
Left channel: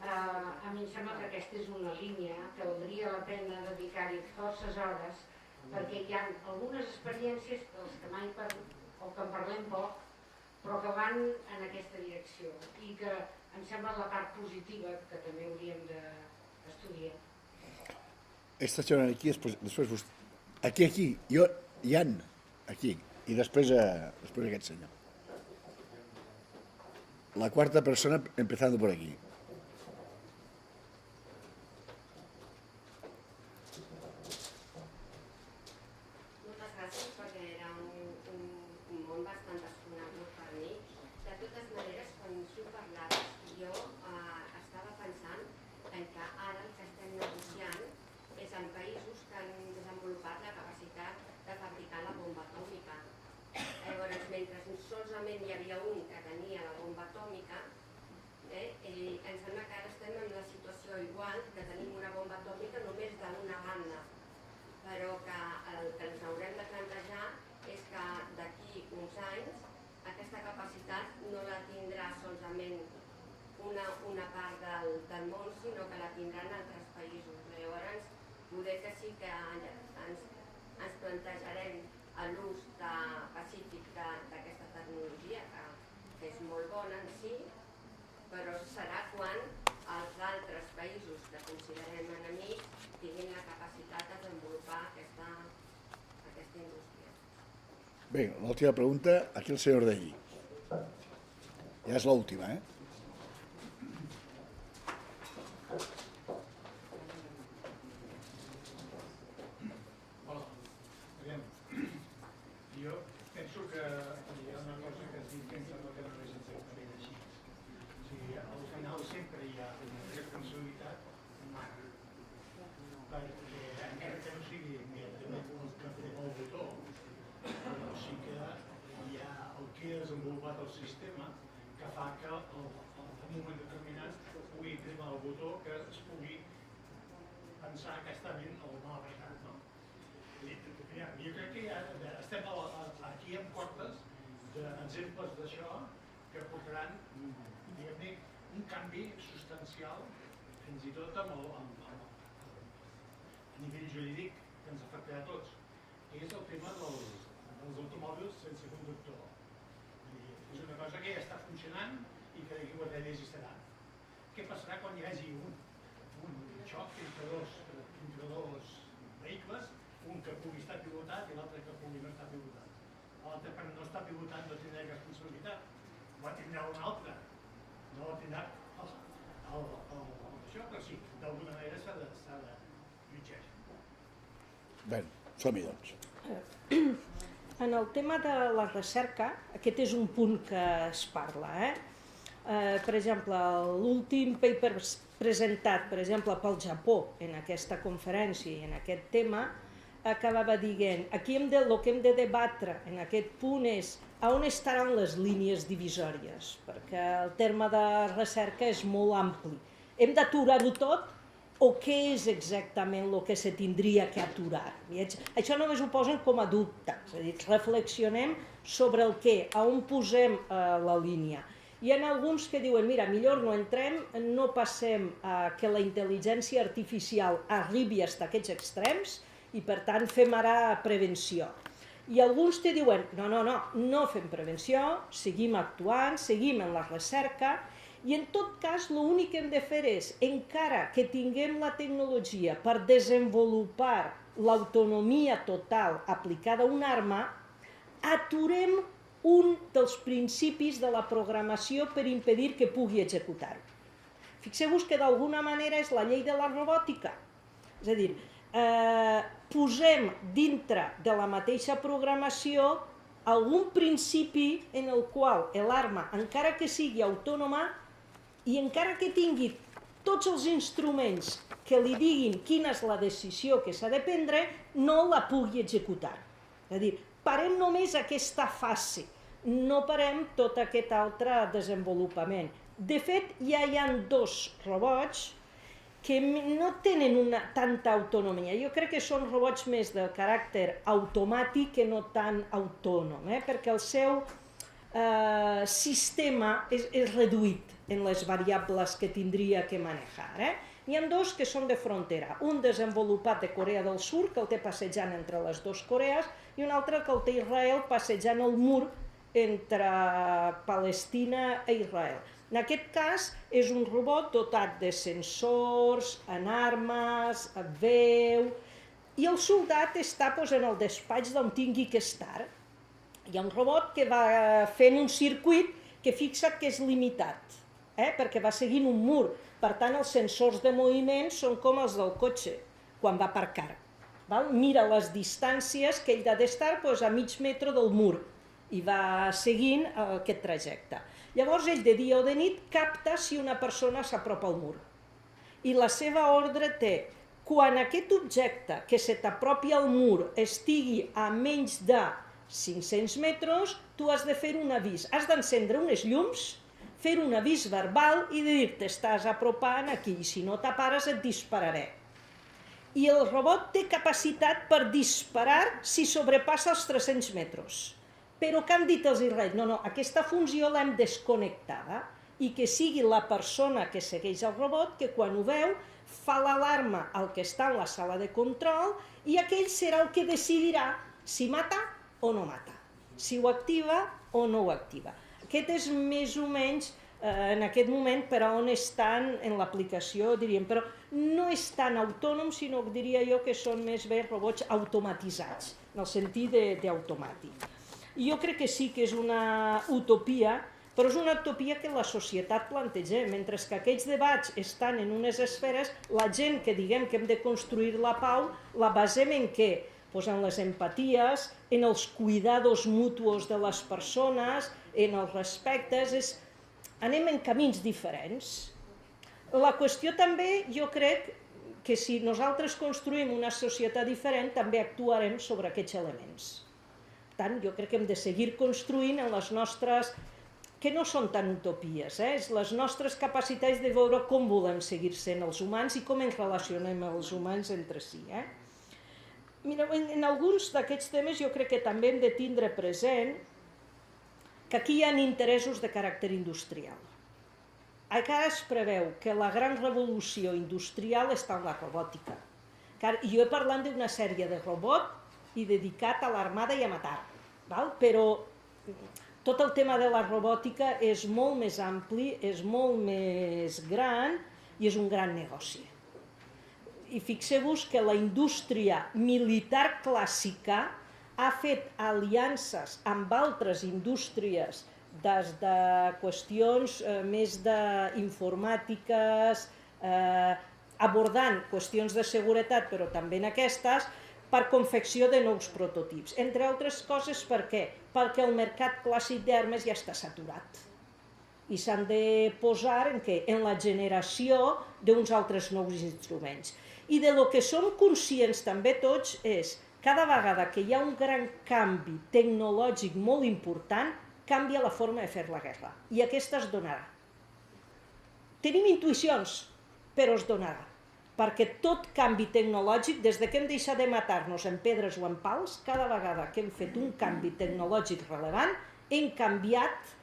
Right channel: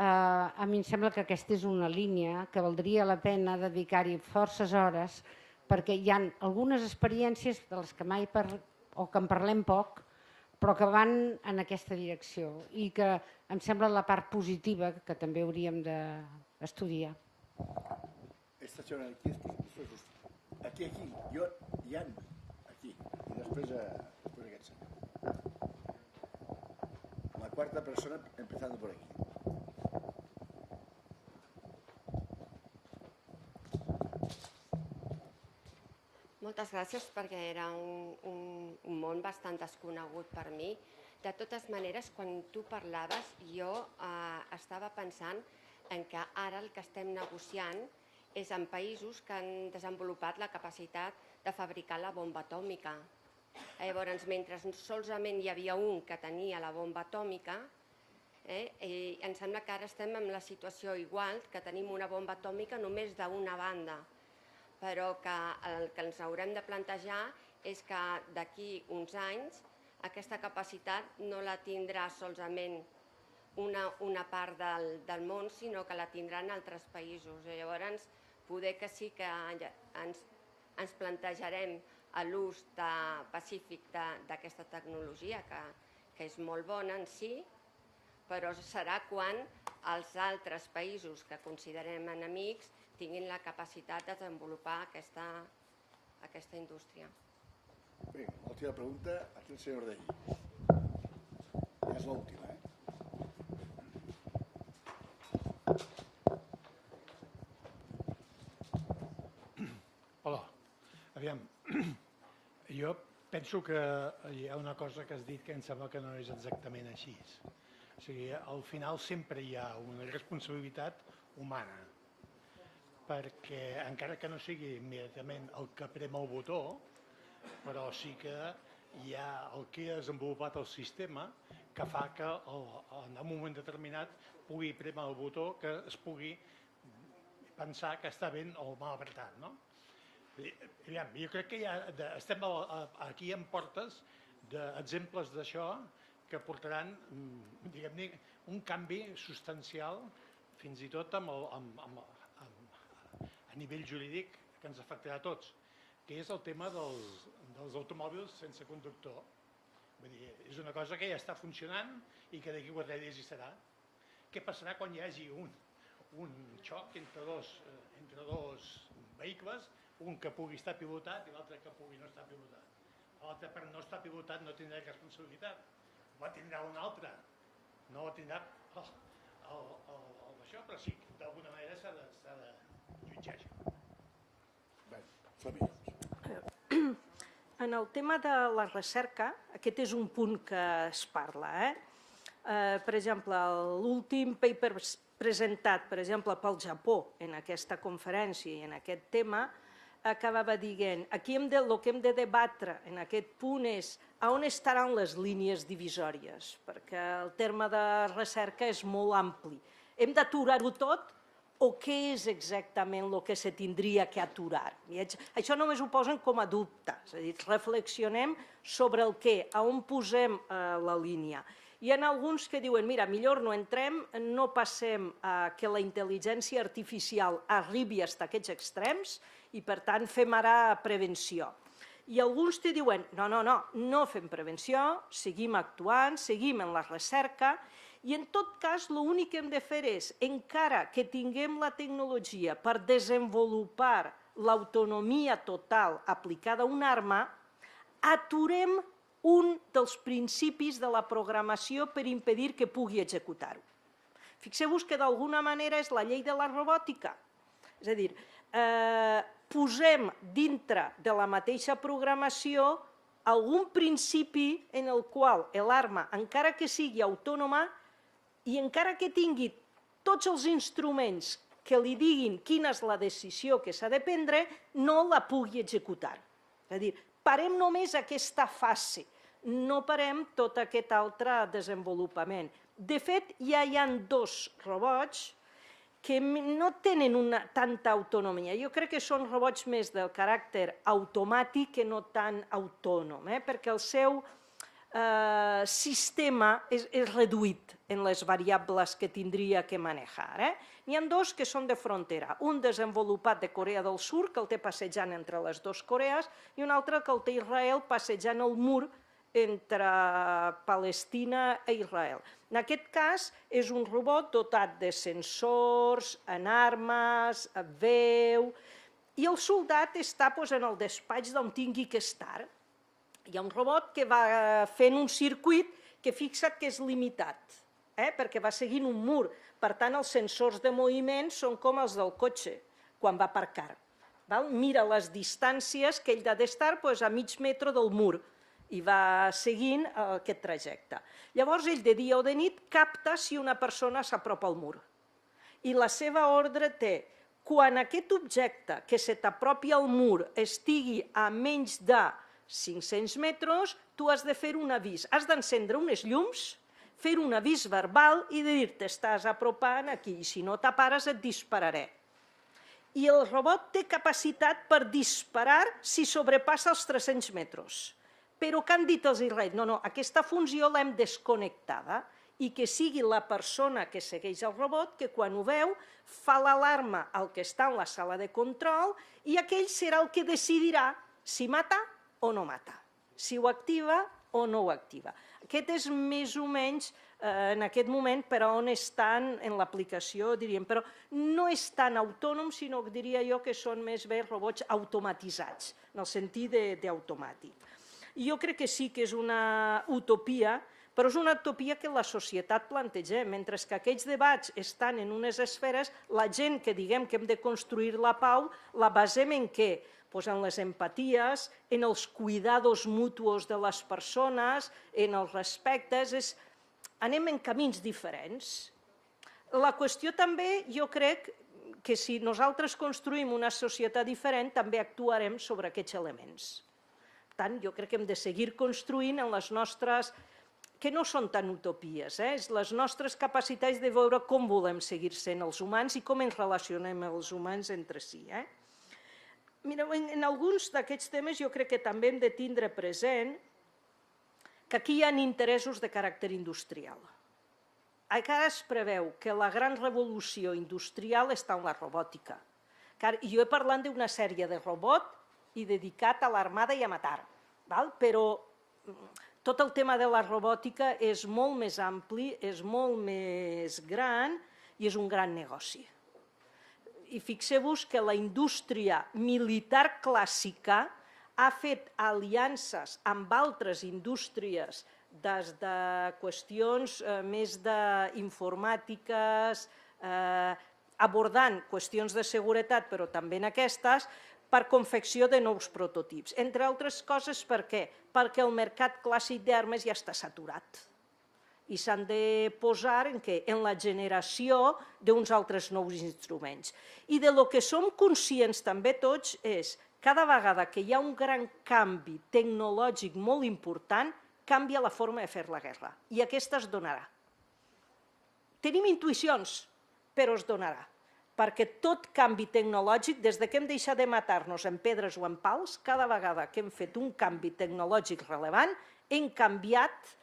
A mi em sembla que aquesta és una línia que valdria la pena dedicar-hi forces hores, perquè hi ha algunes experiències de les que mai o que en parlem poc, però que van en aquesta direcció i que em sembla la part positiva que també hauríem d'estudiar. Esta senyora aquí, després vostè. Aquí, jo, Ian, aquí, i després aquest senyor. La quarta persona empezando por aquí. Moltes gràcies, perquè era un món bastant desconegut per mi. De totes maneres, quan tu parlaves, jo estava pensant en que ara el que estem negociant és en països que han desenvolupat la capacitat de fabricar la bomba atòmica. Llavors, mentre solament hi havia un que tenia la bomba atòmica, em sembla que ara estem en la situació igual, que tenim una bomba atòmica només d'una banda, però que el que ens haurem de plantejar és que d'aquí uns anys aquesta capacitat no la tindrà solament una part del món, sinó que la tindran altres països. Llavors, poder que sí que ens plantejarem l'ús pacífic d'aquesta tecnologia, que és molt bona en si, però serà quan els altres països que considerem enemics tinguin la capacitat de desenvolupar aquesta indústria. Bé, l'última pregunta, aquí el senyor Ordelli. Ja és l'última, Hola, aviam, jo penso que hi ha una cosa que has dit que em sembla que no és exactament així. O sigui, al final sempre hi ha una responsabilitat humana, perquè encara que no sigui immediatament el que prem el botó, però sí que hi ha el que ha desenvolupat el sistema que fa que en un moment determinat pugui prémer el botó, que es pugui pensar que està ben o mal apretat, no? Jo crec que estem aquí en portes d'exemples d'això que portaran, diguem-ne, un canvi substancial, fins i tot a nivell jurídic, que ens afectarà a tots, que és el tema dels automòbils sense conductor. És una cosa que ja està funcionant i que d'aquí 4 dies hi serà. Què passarà quan hi hagi un Bé, som-hi, doncs. En el tema de la recerca, aquest és un punt que es parla. Per exemple, l'últim paper presentat, per exemple, pel Japó en aquesta conferència i en aquest tema, acabava dient, aquí el que hem de debatre en aquest punt és on estaran les línies divisòries, perquè el terme de recerca és molt ampli. Hem d'aturar-ho tot o què és exactament el que se tindria que aturar? Això només ho posen com a dubte, és a dir, reflexionem sobre el què, on posem la línia. Hi ha alguns que diuen, mira, millor no entrem, no passem a que la intel·ligència artificial arribi fins a aquests extrems i per tant fem ara prevenció. I alguns te diuen, no fem prevenció, seguim actuant, seguim en la recerca, i en tot cas l'únic que hem de fer és, encara que tinguem la tecnologia per desenvolupar l'autonomia total aplicada a una arma, aturem un dels principis de la programació per impedir que pugui executar-ho. Fixeu-vos que d'alguna manera és la llei de la robòtica. És a dir, posem dintre de la mateixa programació algun principi en el qual l'arma, encara que sigui autònoma i encara que tingui tots els instruments que li diguin quina és la decisió que s'ha de prendre, no la pugui executar. És a dir, parem només aquesta fase, no parem tot aquest altre desenvolupament. De fet, ja hi ha 2 robots que no tenen tanta autonomia. Jo crec que són robots més de caràcter automàtic que no tan autònom, perquè el seu sistema és reduït en les variables que tindria que manejar. N'hi ha 2 que són de frontera, un desenvolupat de Corea del Sud, que el té passejant entre les 2 Corees, i un altre que el té Israel passejant el mur entre Palestina i Israel. En aquest cas és un robot dotat de sensors, en armes, veu, i el soldat està en el despatx d'on tingui que estar. Hi ha un robot que va fent un circuit que fixa't que és limitat, perquè va seguint un mur. Per tant, els sensors de moviment són com els del cotxe, quan va aparcar. Mira les distàncies que ell ha d'estar a mig metre del mur i va seguint aquest trajecte. Llavors, ell de dia o de nit capta si una persona s'apropa al mur. I la seva ordre té, quan aquest objecte que se t'apropi al mur estigui a menys de 500 metres, tu has de fer un avís. Has d'encendre unes llums, fer un avís verbal i dir-te estàs apropant aquí, i si no t'apares et dispararé. I el robot té capacitat per disparar si sobrepassa els 300 metres. Però què han dit els israelians? No, aquesta funció l'hem desconnectada i que sigui la persona que segueix el robot que quan ho veu fa l'alarma al que està en la sala de control i aquell serà el que decidirà si mata o no mata, si ho activa o no ho activa. Aquest és més o menys en aquest moment per on estan en l'aplicació, diríem, però no és tan autònom, sinó que diria jo que són més bé robots automatitzats, en el sentit d'automàtic. Jo crec que sí que és una utopia, però és una utopia que la societat planteja, mentre que aquests debats estan en unes esferes, la gent que diguem que hem de construir la pau, la basem en què? En les empaties, en els cuidados mutuos de les persones, en els respectes, anem en camins diferents. La qüestió també, jo crec que si nosaltres construïm una societat diferent, també actuarem sobre aquests elements. Per tant, jo crec que hem de seguir construint en les nostres, que no són tan utopies, les nostres capacitats de veure com volem seguir sent els humans i com ens relacionem els humans entre si. Mireu, en alguns d'aquests temes jo crec que també hem de tindre present que aquí hi ha interessos de caràcter industrial. Encara es preveu que la gran revolució industrial està en la robòtica. Jo he parlat d'una sèrie de robot i dedicat a l'armada i a matar, però tot el tema de la robòtica és molt més ampli, és molt més gran i és un gran negoci. I fixeu-vos que la indústria militar clàssica ha fet aliances amb altres indústries des de qüestions més d'informàtiques, abordant qüestions de seguretat, però també en aquestes, per confecció de nous prototips. Entre altres coses, per què? Perquè el mercat clàssic d'armes ja està saturat. I s'han de posar en la generació d'uns altres nous instruments. I de lo que som conscients també tots és cada vegada que hi ha un gran canvi tecnològic molt important, canvia la forma de fer la guerra. I aquesta es donarà. Tenim intuïcions, però es donarà. Perquè tot canvi tecnològic, des que hem deixat de matar-nos en pedres o en pals, cada vegada que hem fet un canvi tecnològic rellevant, hem canviat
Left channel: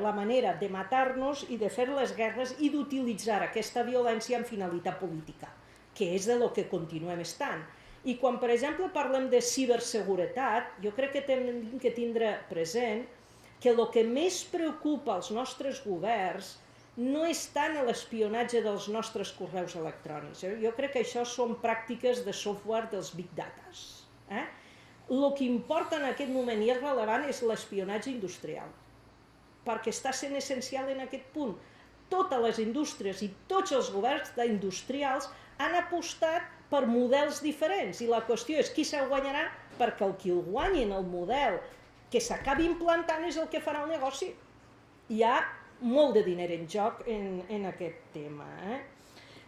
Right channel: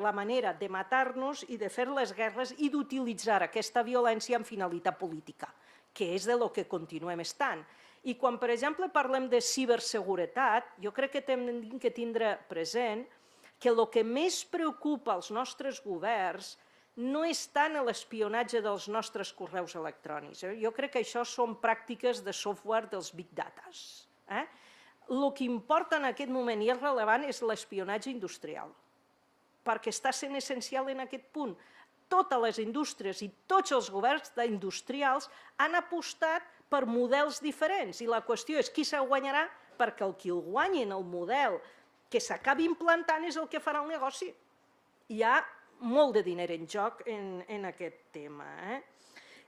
la manera de matar-nos i de fer les guerres i d'utilitzar aquesta violència amb finalitat política, que és de lo que continuem estant. I quan, per exemple, parlem de ciberseguretat, jo crec que hem de tindre present que el que més preocupa als nostres governs no és tant l'espionatge dels nostres correus electrònics. Jo crec que això són pràctiques de software dels big datas. El que importa en aquest moment i és rellevant és l'espionatge industrial, perquè està sent essencial en aquest punt. Totes les indústries i tots els governs industrials han apostat per models diferents i la qüestió és qui se'l guanyarà, perquè el qui el guanyi en el model que s'acabi implantant és el que farà el negoci. Hi ha molt de diner en joc en aquest tema.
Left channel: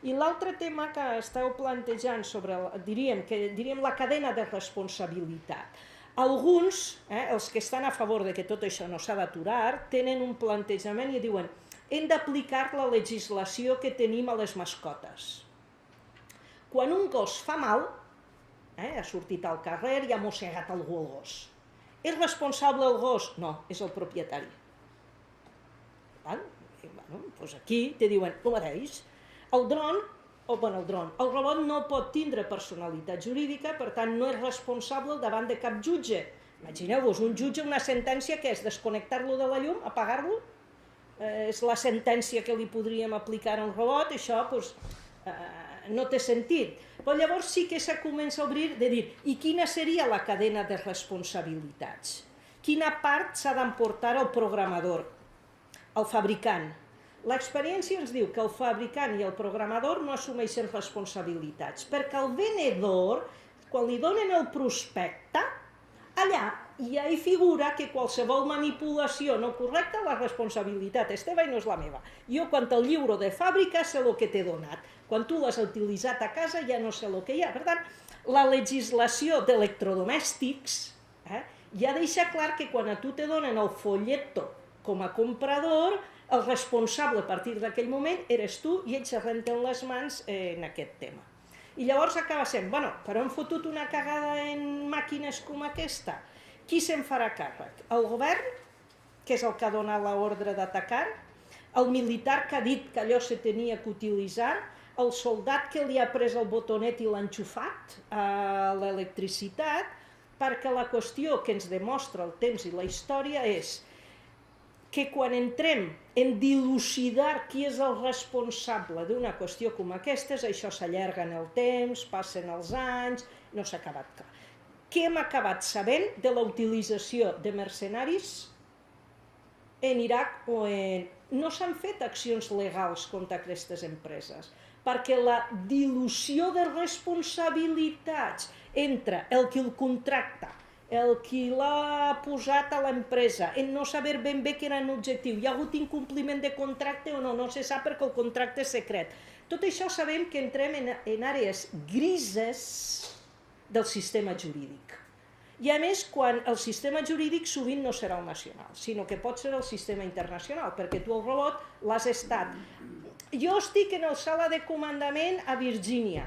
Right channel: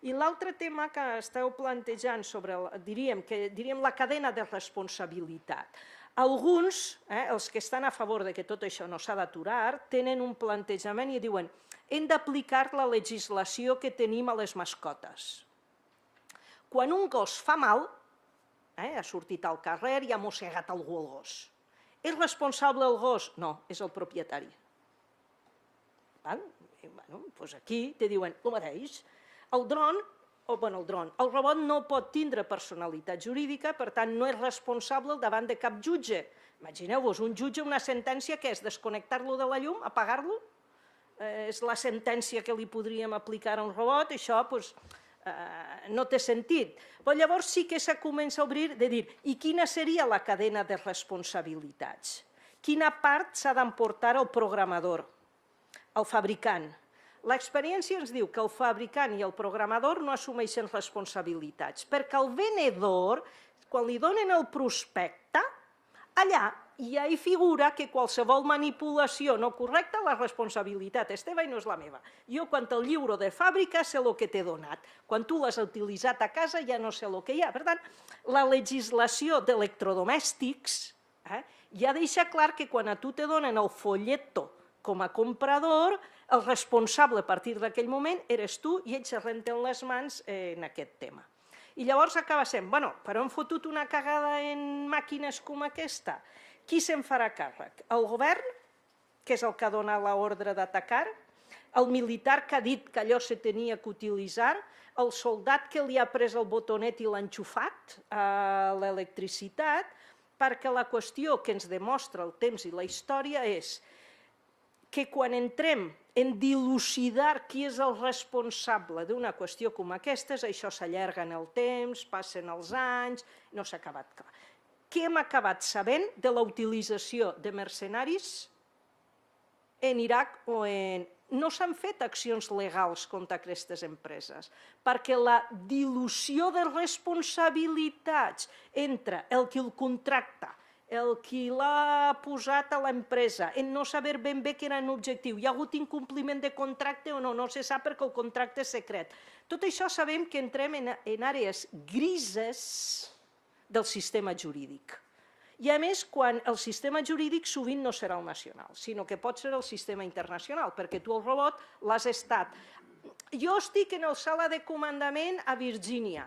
I l'altre tema que esteu plantejant sobre, diríem la cadena de responsabilitat. Alguns, els que estan a favor de que tot això no s'ha d'aturar, tenen un plantejament i diuen hem d'aplicar la legislació que tenim a les mascotes. Quan un gos fa mal, ha sortit al carrer i ha mossegat algú el gos. És responsable el gos? No, és el propietari. Doncs aquí te diuen el mateix. El robot no pot tindre personalitat jurídica, per tant no és responsable davant de cap jutge. Imagineu-vos, un jutge, una sentència que és desconnectar-lo de la llum, apagar-lo, és la sentència que li podríem aplicar al robot, això no té sentit. Però llavors sí que se comença a obrir de dir, i quina seria la cadena de responsabilitats? Quina part s'ha d'emportar el programador, el fabricant? L'experiència ens diu que el fabricant i el programador no assumeixen responsabilitats, perquè el venedor, quan li donen el prospecte, allà ja hi figura que qualsevol manipulació no correcta, la responsabilitat és teva i no és la meva. Jo, quan el lliuro de fàbrica, sé el que t'he donat. Quan tu l'has utilitzat a casa, ja no sé el que hi ha. Per tant, la legislació d'electrodomèstics ja deixa clar que quan a tu te donen el folleto com a comprador, el responsable a partir d'aquell moment eres tu i ells es renten les mans en aquest tema. I llavors acaba sent, però han fotut una cagada en màquines com aquesta. Qui se'n farà càrrec? El govern, que és el que ha donat l'ordre d'atacar, el militar que ha dit que allò se tenia que utilitzar, el soldat que li ha pres el botonet i l'ha enxufat a l'electricitat, perquè la qüestió que ens demostra el temps i la història és que quan entrem en dilucidar qui és el responsable d'una qüestió com aquesta, això s'allarga en el temps, passen els anys, no s'ha acabat clar. Què hem acabat sabent de la utilització de mercenaris en Iraq o en... No s'han fet accions legals contra aquestes empreses, perquè la dilució de responsabilitats entre el que el contracta, el qui l'ha posat a l'empresa, en no saber ben bé quin era l'objectiu, hi ha hagut incompliment de contracte o no, no se sap perquè el contracte és secret. Tot això sabem que entrem en àrees grises del sistema jurídic. I a més, quan el sistema jurídic sovint no serà el nacional, sinó que pot ser el sistema internacional, perquè tu el robot l'has estat. Jo estic en la sala de comandament a Virgínia,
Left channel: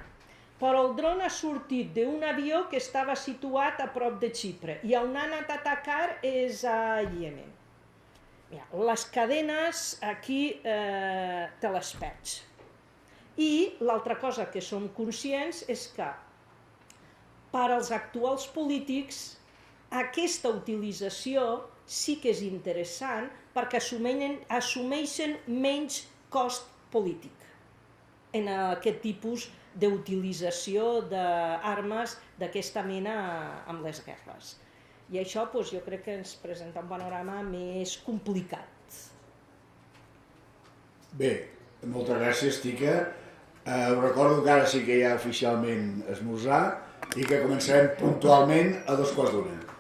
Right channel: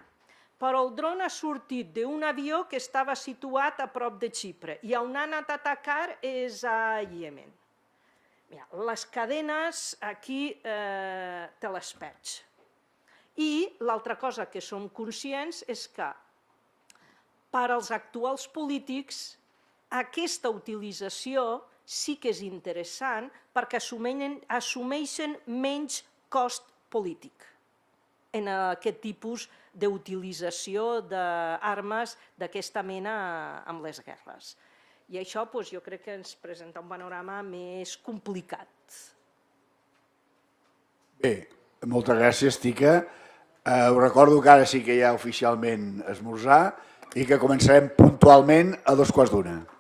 però el dron ha sortit d'un avió que estava situat a prop de Xipre i on ha anat a atacar és a Iemen. Les cadenes aquí te les perds. I l'altra cosa que som conscients és que per als actuals polítics aquesta utilització sí que és interessant perquè assumeixen menys cost polític en aquest tipus d'utilització d'armes d'aquesta mena amb les guerres. I això jo crec que ens presenta un panorama més complicat. Bé, moltes gràcies, Tica. Us recordo que ara sí que hi ha oficialment esmorzar I que començarem puntualment a 2:15.